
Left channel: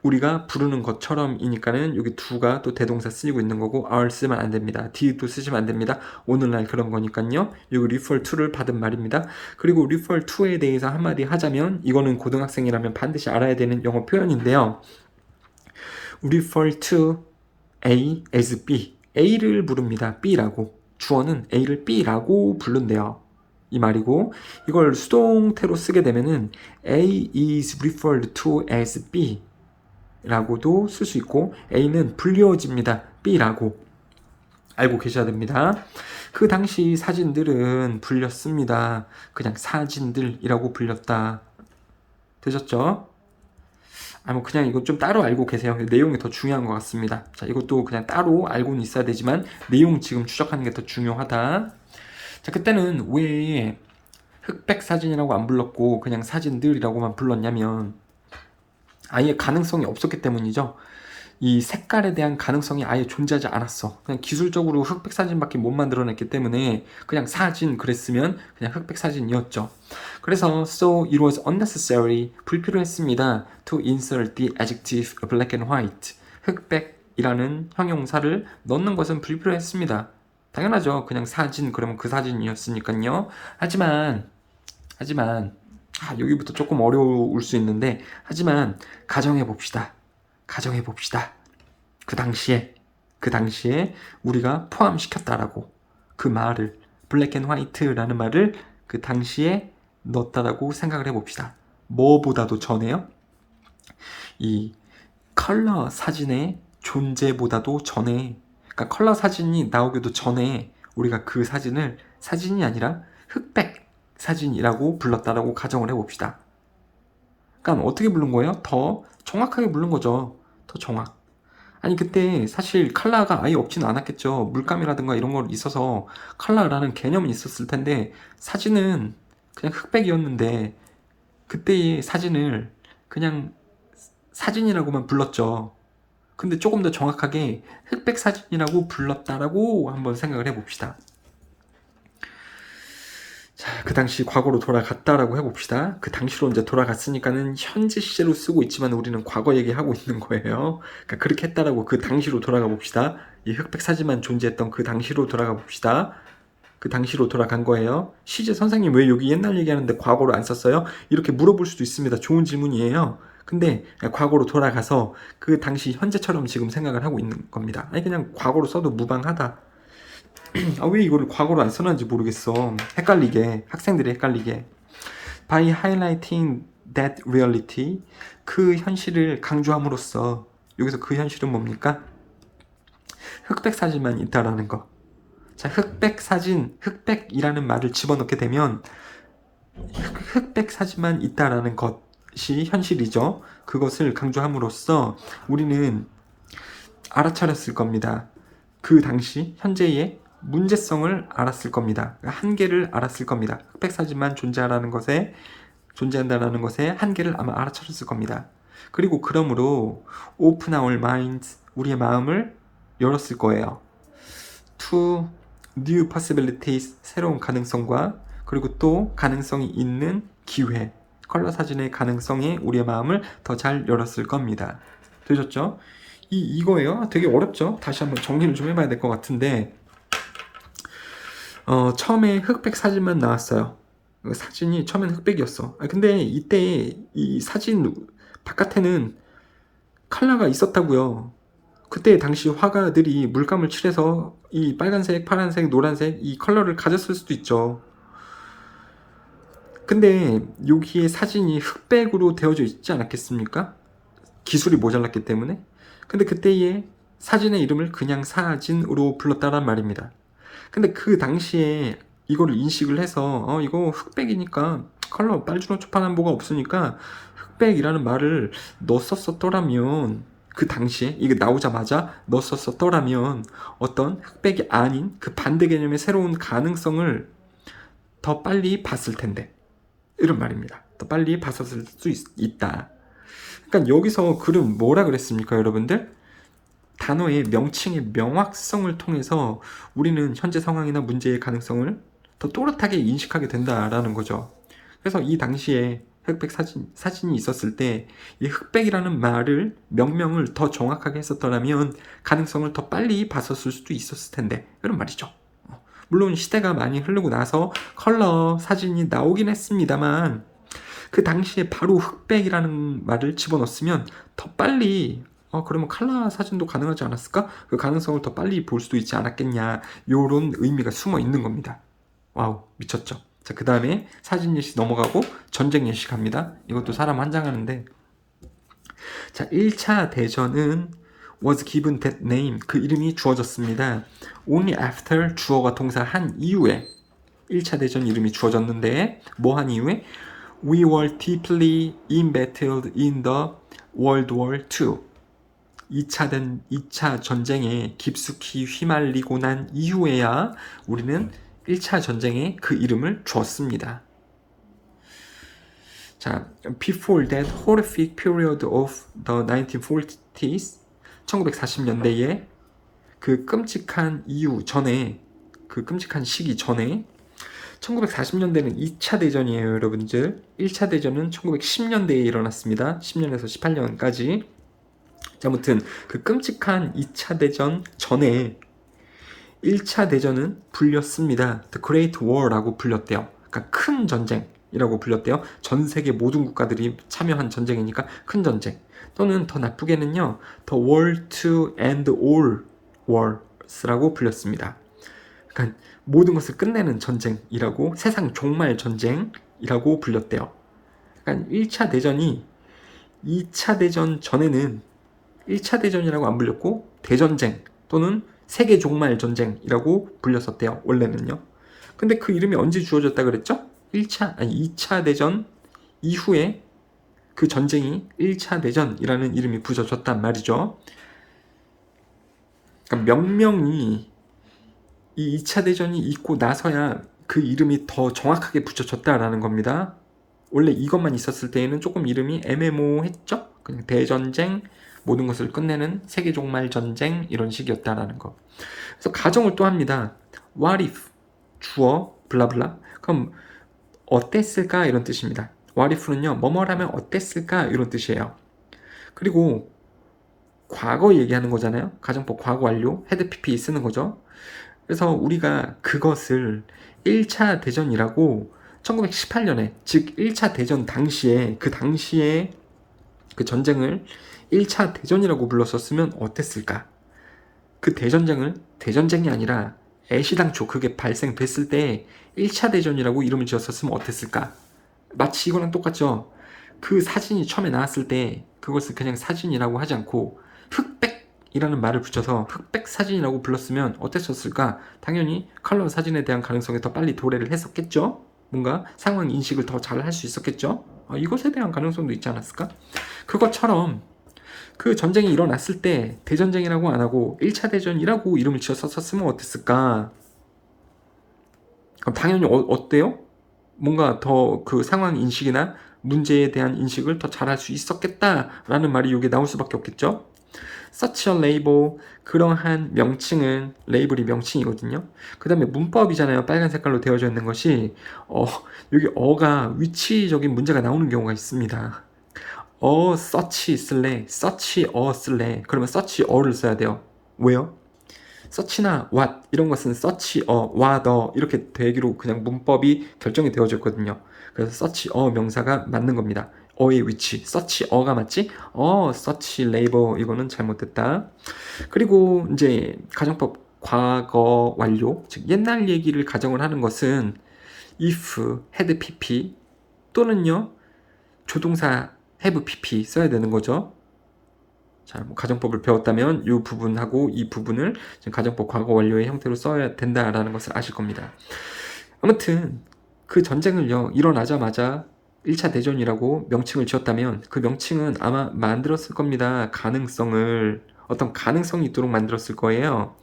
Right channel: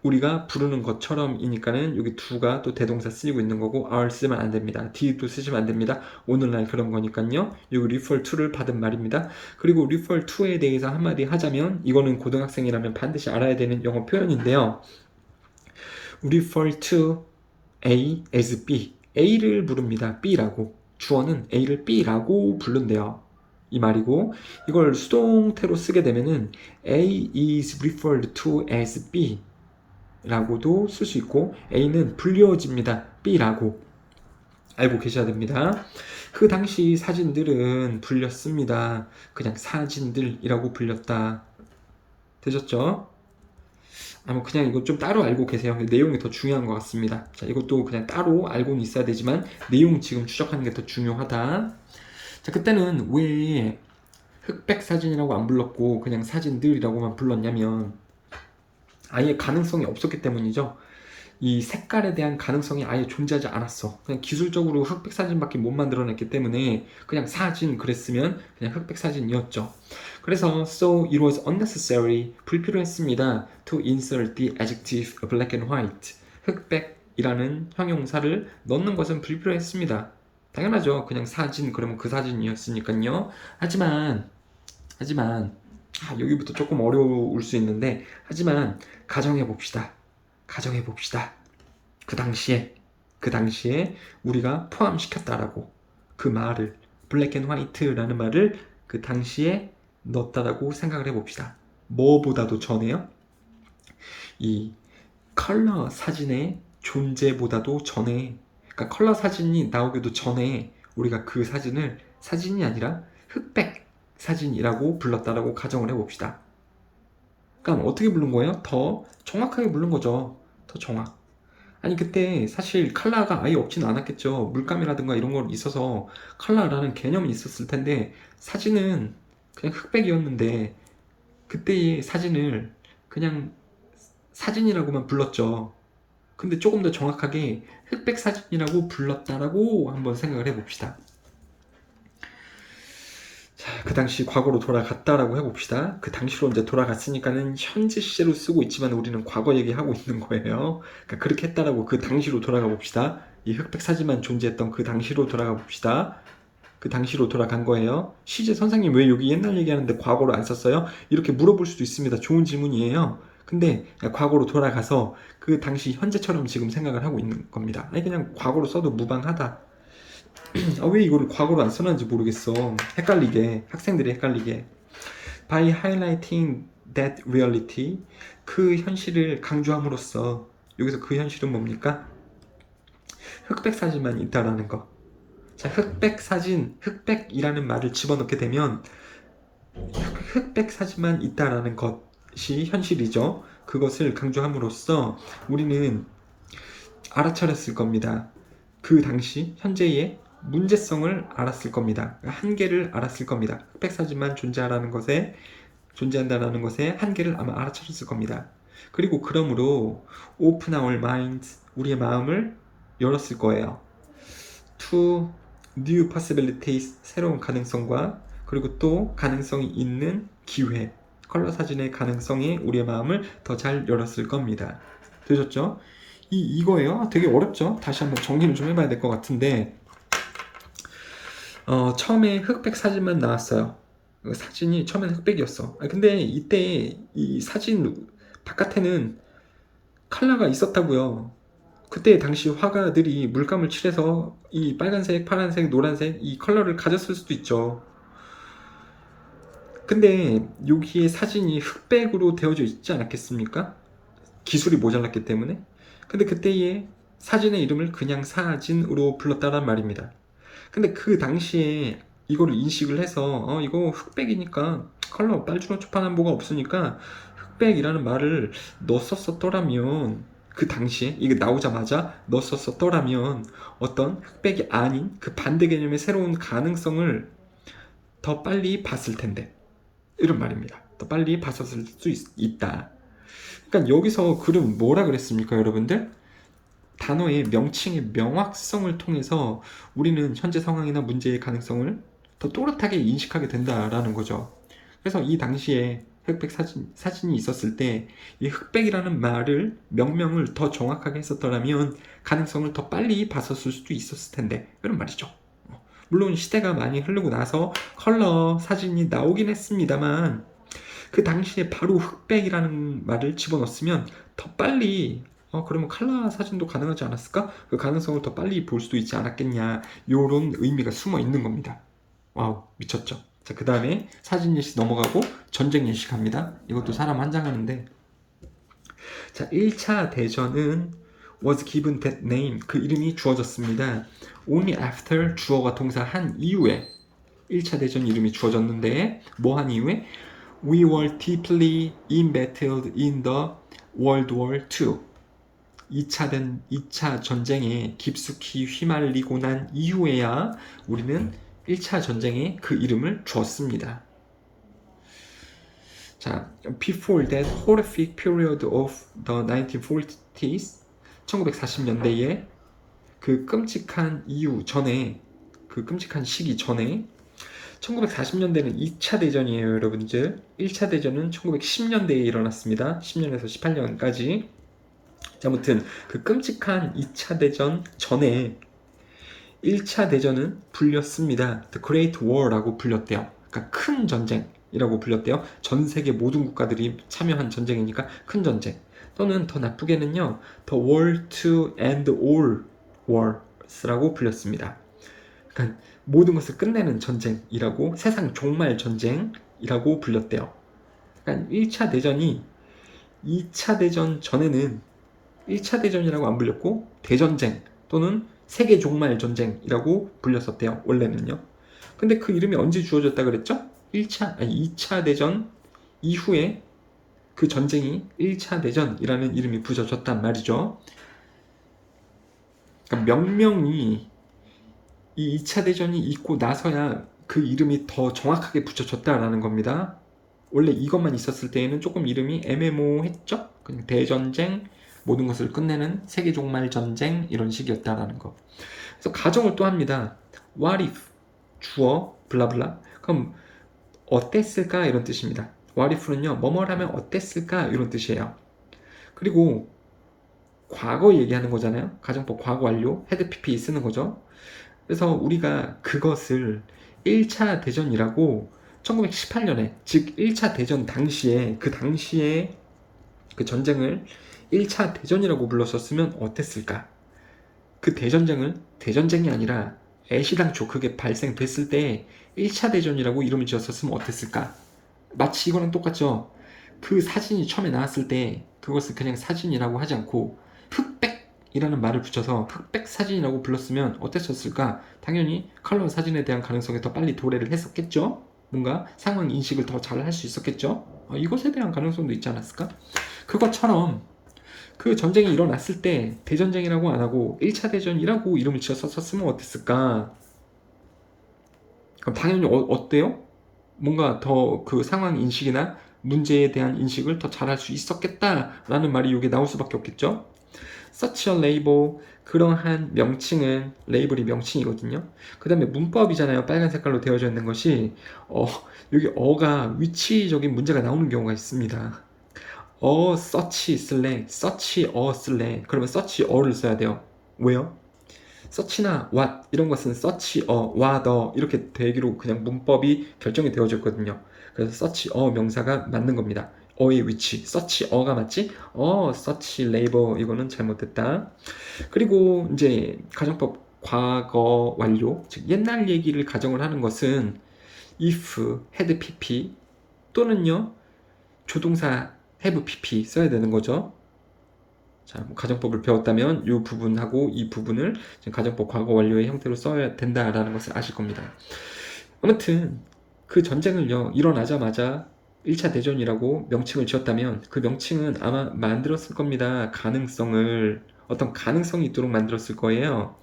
우리가 부르는 것처럼이니까는 여기 do가 또 대동사 쓰이고 있는 거고 are 쓰면 안 됩니다. did도 쓰시면 안 됩니다. 오늘날 그런 거니까요. 여기 refer to를 받은 말입니다. 그리고 refer to에 대해서 한마디 하자면, 이거는 고등학생이라면 반드시 알아야 되는 영어 표현인데요. refer to A as B. A를 부릅니다. B라고. 주어는 A를 B라고 부른대요. 이 말이고, 이걸 수동태로 쓰게 되면은 A is referred to as B 라고도 쓸 수 있고, A는 불리워집니다. B라고 알고 계셔야 됩니다. 그 당시 사진들은 불렸습니다. 그냥 사진들이라고 불렸다. 되셨죠? 뭐 그냥 이거 좀 따로 알고 계세요. 내용이 더 중요한 것 같습니다. 자, 이것도 그냥 따로 알고는 있어야 되지만 내용 지금 추적하는 게 더 중요하다. 자, 그때는 왜 흑백 사진이라고 안 불렀고 그냥 사진들이라고만 불렀냐면, 아예 가능성이 없었기 때문이죠. 이 색깔에 대한 가능성이 아예 존재하지 않았어. 그냥 기술적으로 흑백 사진밖에 못 만들어냈기 때문에 그냥 사진 그랬으면 그냥 흑백 사진이었죠. 그래서 so it was unnecessary, 불필요했습니다. to insert the adjective black and white. 흑백이라는 형용사를 넣는 것은 불필요했습니다. 당연하죠. 그냥 사진 그러면 그 사진이었으니까요. 하지만 여기부터 조금 어려울 수 있는데, 하지만 가정해 봅시다. 그 당시에 우리가 포함시켰다라고, 그 말을, 블랙 앤 화이트라는 말을 그 당시에 넣었다라고 생각을 해봅시다. 뭐보다도 전에요? 이 컬러 사진의 존재보다도 전에, 그러니까 컬러 사진이 나오기도 전에 우리가 그 사진을 사진이 아니라 흑백 사진이라고 불렀다라고 가정을 해봅시다. 그러니까 어떻게 부른 거예요? 더 정확하게 부른 거죠. 더 정확. 아니, 그때 사실 컬러가 아예 없지는 않았겠죠. 물감이라든가 이런 거 있어서 컬러라는 개념이 있었을 텐데, 사진은 그냥 흑백이었는데 그때의 사진을 그냥 사진이라고만 불렀죠. 근데 조금 더 정확하게 흑백 사진이라고 불렀다라고 한번 생각을 해봅시다. 자, 그 당시 과거로 돌아갔다라고 해봅시다. 그 당시로 이제 돌아갔으니까는 현재 시제로 쓰고 있지만 우리는 과거 얘기하고 있는 거예요. 그러니까 그렇게 했다라고 그 당시로 돌아가 봅시다. 이 흑백 사진만 존재했던 그 당시로 돌아가 봅시다. 그 당시로 돌아간 거예요. 시제 선생님 왜 여기 옛날 얘기하는데 과거로 안 썼어요? 이렇게 물어볼 수도 있습니다. 좋은 질문이에요. 근데 과거로 돌아가서 그 당시 현재처럼 지금 생각을 하고 있는 겁니다. 아니 그냥 과거로 써도 무방하다. 아, 왜 이거를 과거로 안 써놨는지 모르겠어. 헷갈리게, 학생들이 헷갈리게. By highlighting that reality, 그 현실을 강조함으로써, 여기서 그 현실은 뭡니까? 흑백 사진만 있다라는 거. 자, 흑백 사진, 흑백이라는 말을 집어넣게 되면 흑백 사진만 있다라는 것이 현실이죠. 그것을 강조함으로써 우리는 알아차렸을 겁니다. 그 당시 현재의 문제성을 알았을 겁니다. 한계를 알았을 겁니다. 흑백 사진만 존재한다라는 것에 한계를 아마 알아차렸을 겁니다. 그리고 그러므로 open our minds, 우리의 마음을 열었을 거예요. to new possibilities, 새로운 가능성과 그리고 또 가능성이 있는 기회, 컬러 사진의 가능성에 우리의 마음을 더 잘 열었을 겁니다. 되셨죠? 이거예요. 되게 어렵죠? 다시 한번 정리를 좀 해봐야 될 것 같은데 처음에 흑백 사진만 나왔어요. 사진이 처음엔 흑백이었어. 근데 이때 이 사진 바깥에는 컬러가 있었다고요. 그때 당시 화가들이 물감을 칠해서 이 빨간색, 파란색, 노란색 이 컬러를 가졌을 수도 있죠. 근데 여기에 사진이 흑백으로 되어져 있지 않았겠습니까? 기술이 모자랐기 때문에. 근데 그때의 사진의 이름을 그냥 사진으로 불렀다란 말입니다. 근데 그 당시에 이거를 인식을 해서 이거 흑백이니까 컬러 빨주노 초판한 뭐가 없으니까 흑백이라는 말을 넣었었더라면 그 당시에 이게 나오자마자 넣었었더라면 어떤 흑백이 아닌 그 반대 개념의 새로운 가능성을 더 빨리 봤을 텐데 이런 말입니다. 더 빨리 봤었을 수 있다. 그러니까 여기서 글은 뭐라 그랬습니까, 여러분들? 단어의 명칭의 명확성을 통해서 우리는 현재 상황이나 문제의 가능성을 더 또렷하게 인식하게 된다라는 거죠. 그래서 이 당시에 흑백 사진이 있었을 때 이 흑백이라는 말을 명명을 더 정확하게 했었더라면 가능성을 더 빨리 봤었을 수도 있었을 텐데 이런 말이죠. 물론 시대가 많이 흐르고 나서 컬러 사진이 나오긴 했습니다만 그 당시에 바로 흑백이라는 말을 집어넣었으면 더 빨리 그러면 컬러 사진도 가능하지 않았을까? 그 가능성을 더 빨리 볼 수도 있지 않았겠냐 요런 의미가 숨어 있는 겁니다. 와우 미쳤죠? 자, 그 다음에 사진 예시 넘어가고 전쟁 예시 갑니다. 이것도 사람 환장하는데 자 1차 대전은 was given that name, 그 이름이 주어졌습니다. only after, 주어가 동사 한 이후에 1차 대전 이름이 주어졌는데 뭐 한 이후에 we were deeply embattled in the World War II. 2차 전쟁에 깊숙이 휘말리고 난 이후에야 우리는 1차 전쟁에 그 이름을 주었습니다. 자, before that horrific period of the 1940s, 1940년대에 그 끔찍한 이후 전에, 그 끔찍한 시기 전에 1940년대는 2차 대전이에요, 여러분들. 1차 대전은 1910년대에 일어났습니다. 10년에서 18년까지. 아무튼 그 끔찍한 2차 대전 전에 1차 대전은 불렸습니다. The Great War라고 불렸대요. 그러니까 큰 전쟁이라고 불렸대요. 전 세계 모든 국가들이 참여한 전쟁이니까 큰 전쟁. 또는 더 나쁘게는요, The War to End All Wars라고 불렸습니다. 그러니까 모든 것을 끝내는 전쟁이라고, 세상 종말 전쟁이라고 불렸대요. 그러니까 1차 대전이 2차 대전 전에는 1차 대전이라고 안 불렸고 대전쟁 또는 세계 종말 전쟁이라고 불렸었대요. 원래는요. 근데 그 이름이 언제 주어졌다 그랬죠? 2차 대전 이후에 그 전쟁이 1차 대전이라는 이름이 붙여졌단 말이죠. 그러니까 명명이 이 2차 대전이 있고 나서야 그 이름이 더 정확하게 붙여졌다라는 겁니다. 원래 이것만 있었을 때에는 조금 이름이 애매모호했죠? 그냥 대전쟁, 모든 것을 끝내는 세계 종말 전쟁 이런 식이었다라는 거. 그래서 가정을 또 합니다. What if 주어 블라블라 그럼 어땠을까 이런 뜻입니다. What if는요 뭐뭐라면 어땠을까 이런 뜻이에요. 그리고 과거 얘기하는 거잖아요. 가정법 과거 완료 had PP 쓰는 거죠. 그래서 우리가 그것을 1차 대전이라고 1918년에 즉 1차 대전 당시에 그 당시에 그 전쟁을 1차 대전이라고 불렀었으면 어땠을까? 그 대전쟁을 대전쟁이 아니라 애시당초 그게 발생됐을 때 1차 대전이라고 이름을 지었었으면 어땠을까? 마치 이거랑 똑같죠? 그 사진이 처음에 나왔을 때 그것을 그냥 사진이라고 하지 않고 흑백이라는 말을 붙여서 흑백 사진이라고 불렀으면 어땠었을까? 당연히 컬러 사진에 대한 가능성이 더 빨리 도래를 했었겠죠? 뭔가 상황 인식을 더 잘 할 수 있었겠죠? 이것에 대한 가능성도 있지 않았을까? 그것처럼 그 전쟁이 일어났을 때 대전쟁이라고 안 하고 1차 대전이라고 이름을 지었었으면 어땠을까? 그럼 당연히 어때요? 뭔가 더 그 상황 인식이나 문제에 대한 인식을 더 잘할 수 있었겠다라는 말이 여기 나올 수밖에 없겠죠? Such a label, 그러한 명칭은 레이블이 명칭이거든요. 그 다음에 문법이잖아요. 빨간 색깔로 되어져 있는 것이 여기 어가 위치적인 문제가 나오는 경우가 있습니다. such 쓸래, such a 쓸래. 그러면 such a를 써야 돼요. 왜요? such나 what 이런 것은 such a, what a 이렇게 되기로 그냥 문법이 결정이 되어져 있거든요. 그래서 such a 명사가 맞는 겁니다. 어의 위치, such a가 맞지? such labor 이거는 잘못됐다. 그리고 이제 가정법 과거 완료, 즉 옛날 얘기를 가정을 하는 것은 if, had pp 또는요 조동사 have pp 써야 되는 거죠. 자, 뭐 가정법을 배웠다면 이 부분하고 이 부분을 지금 가정법 과거 완료의 형태로 써야 된다라는 것을 아실 겁니다. 아무튼 그 전쟁을요 일어나자마자 1차 대전이라고 명칭을 지었다면 그 명칭은 아마 만들었을 겁니다. 가능성을 어떤 가능성이 있도록 만들었을 거예요.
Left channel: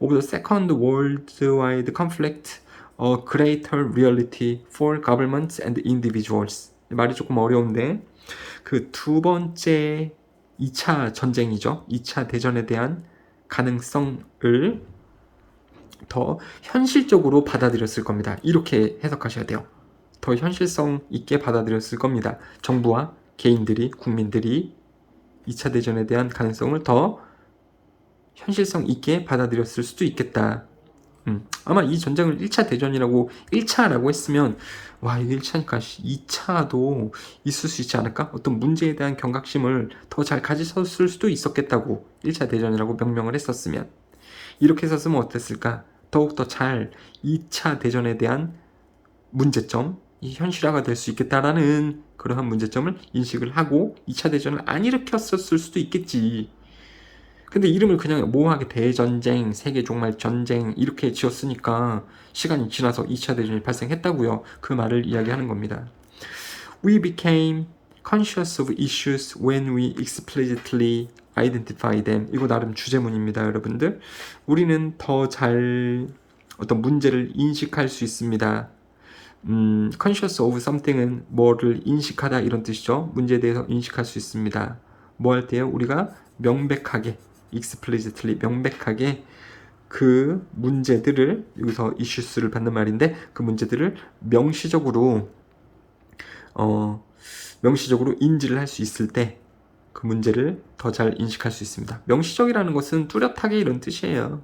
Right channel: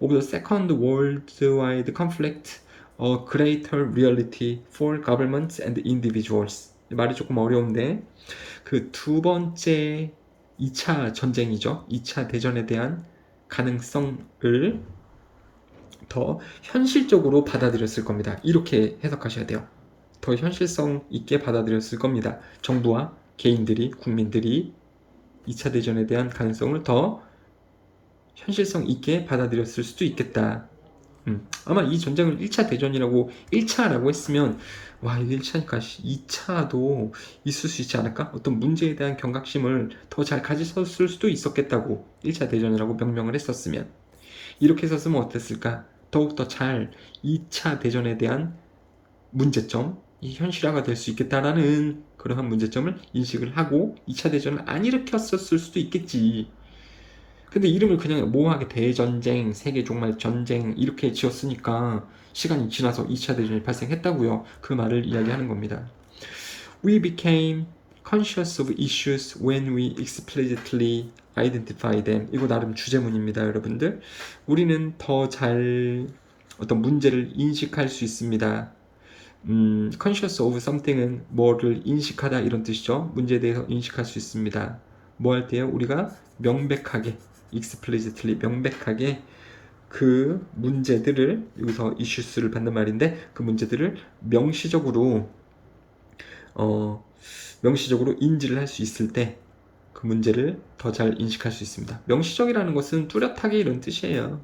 Of the Second Worldwide Conflict, a greater reality for governments and individuals. 말이 조금 어려운데 그 두 번째 2차 전쟁이죠. 2차 대전에 대한 가능성을 더 현실적으로 받아들였을 겁니다. 이렇게 해석하셔야 돼요. 더 현실성 있게 받아들였을 겁니다. 정부와 개인들이, 국민들이 2차 대전에 대한 가능성을 더 현실성 있게 받아들였을 수도 있겠다. 아마 이 전쟁을 1차 대전이라고 1차라고 했으면 와 이게 1차니까 2차도 있을 수 있지 않을까? 어떤 문제에 대한 경각심을 더 잘 가지셨을 수도 있었겠다고 1차 대전이라고 명명을 했었으면 이렇게 썼으면 어땠을까? 더욱더 잘 2차 대전에 대한 문제점, 이 현실화가 될 수 있겠다라는 그러한 문제점을 인식을 하고 2차 대전을 안 일으켰었을 수도 있겠지. 근데 이름을 그냥 모호하게 대전쟁, 세계 종말 전쟁 이렇게 지었으니까 시간이 지나서 2차 대전이 발생했다고요. 그 말을 이야기하는 겁니다. We became conscious of issues when we explicitly identify them. 이거 나름 주제문입니다, 여러분들. 우리는 더 잘 어떤 문제를 인식할 수 있습니다. conscious of something은 뭐를 인식하다 이런 뜻이죠. 문제에 대해서 인식할 수 있습니다. 뭐 할 때요? 우리가 명백하게 explicitly 명백하게 그 문제들을 여기서 issues를 받는 말인데 그 문제들을 명시적으로 인지를 할 수 있을 때 그 문제를 더 잘 인식할 수 있습니다. 명시적이라는 것은 뚜렷하게 이런 뜻이에요.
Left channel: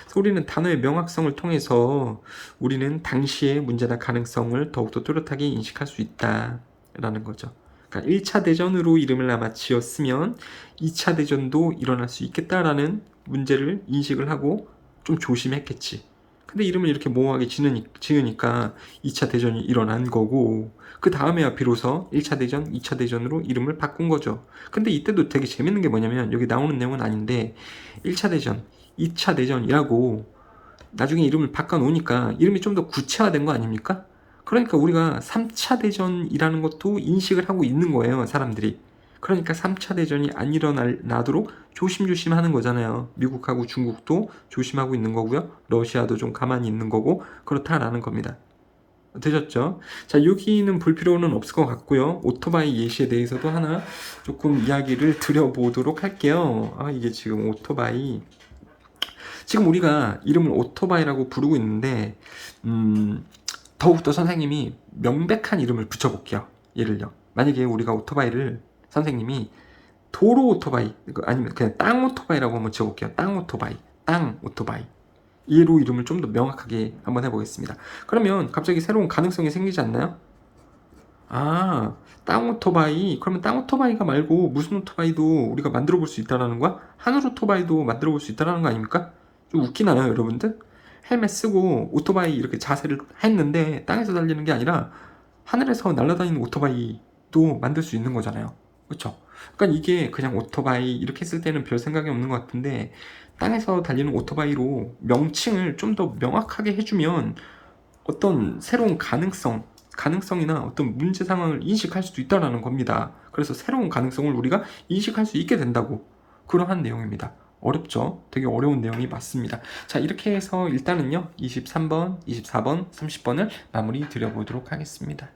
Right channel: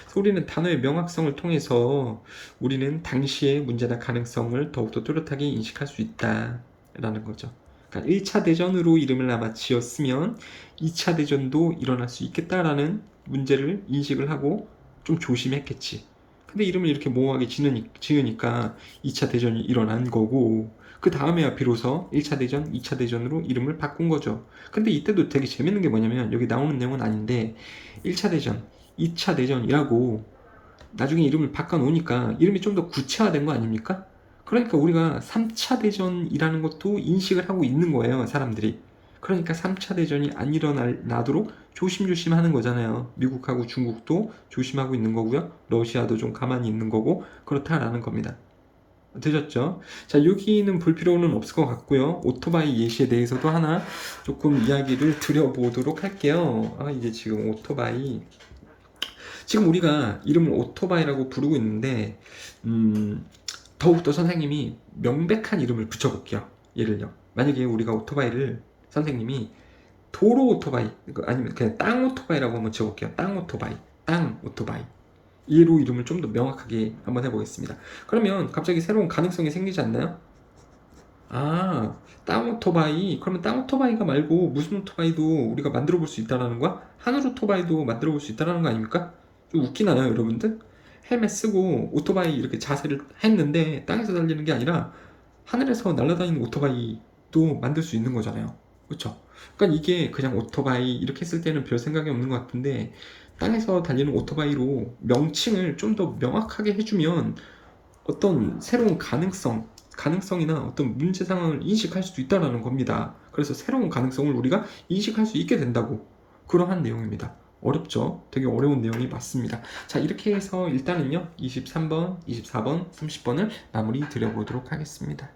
그래서 우리는 단어의 명확성을 통해서 우리는 당시의 문제나 가능성을 더욱더 뚜렷하게 인식할 수 있다라는 거죠. 그러니까 1차 대전으로 이름을 아마 지었으면 2차 대전도 일어날 수 있겠다라는 문제를 인식을 하고 좀 조심했겠지. 근데 이름을 이렇게 모호하게 지으니까 2차 대전이 일어난 거고 그 다음에야 비로소 1차 대전, 2차 대전으로 이름을 바꾼 거죠. 근데 이때도 되게 재밌는 게 뭐냐면 여기 나오는 내용은 아닌데 1차 대전, 2차 대전이라고 나중에 이름을 바꿔놓으니까 이름이 좀 더 구체화된 거 아닙니까? 그러니까 우리가 3차 대전이라는 것도 인식을 하고 있는 거예요, 사람들이. 그러니까 3차 대전이 안 일어나도록 조심조심 하는 거잖아요. 미국하고 중국도 조심하고 있는 거고요. 러시아도 좀 가만히 있는 거고 그렇다라는 겁니다. 되셨죠? 자, 여기는 볼 필요는 없을 것 같고요. 오토바이 예시에 대해서도 하나 조금 이야기를 드려보도록 할게요. 이게 지금 오토바이. 지금 우리가 이름을 오토바이라고 부르고 있는데 더욱더 선생님이 명백한 이름을 붙여볼게요. 예를요. 만약에 우리가 오토바이를 선생님이 도로 오토바이 아니면 그냥 땅 오토바이라고 한번 지어볼게요. 땅 오토바이, 땅 오토바이. 얘로 이름을 좀 더 명확하게 한번 해보겠습니다. 그러면 갑자기 새로운 가능성이 생기지 않나요? 땅 오토바이. 그러면 땅 오토바이가 말고 무슨 오토바이도 우리가 만들어 볼 수 있다라는 거야? 하늘 오토바이도 만들어 볼 수 있다라는 거 아닙니까? 좀 웃기나요, 여러분들? 헬멧 쓰고 오토바이 이렇게 자세를 했는데 땅에서 달리는 게 아니라 하늘에서 날아다니는 오토바이도 만들 수 있는 거잖아요. 그렇죠? 그러니까 이게 그냥 오토바이 이렇게 했을 때는 별 생각이 없는 것 같은데 땅에서 달리는 오토바이로 명칭을 좀 더 명확하게 해주면 어떤 새로운 가능성이나 어떤 문제 상황을 인식할 수도 있다라는 겁니다. 그래서 새로운 가능성을 우리가 인식할 수 있게 된다고 그러한 내용입니다. 어렵죠? 되게 어려운 내용이 맞습니다. 자, 이렇게 해서 일단은요 23번, 24번, 30번을 마무리 드려보도록 하겠습니다.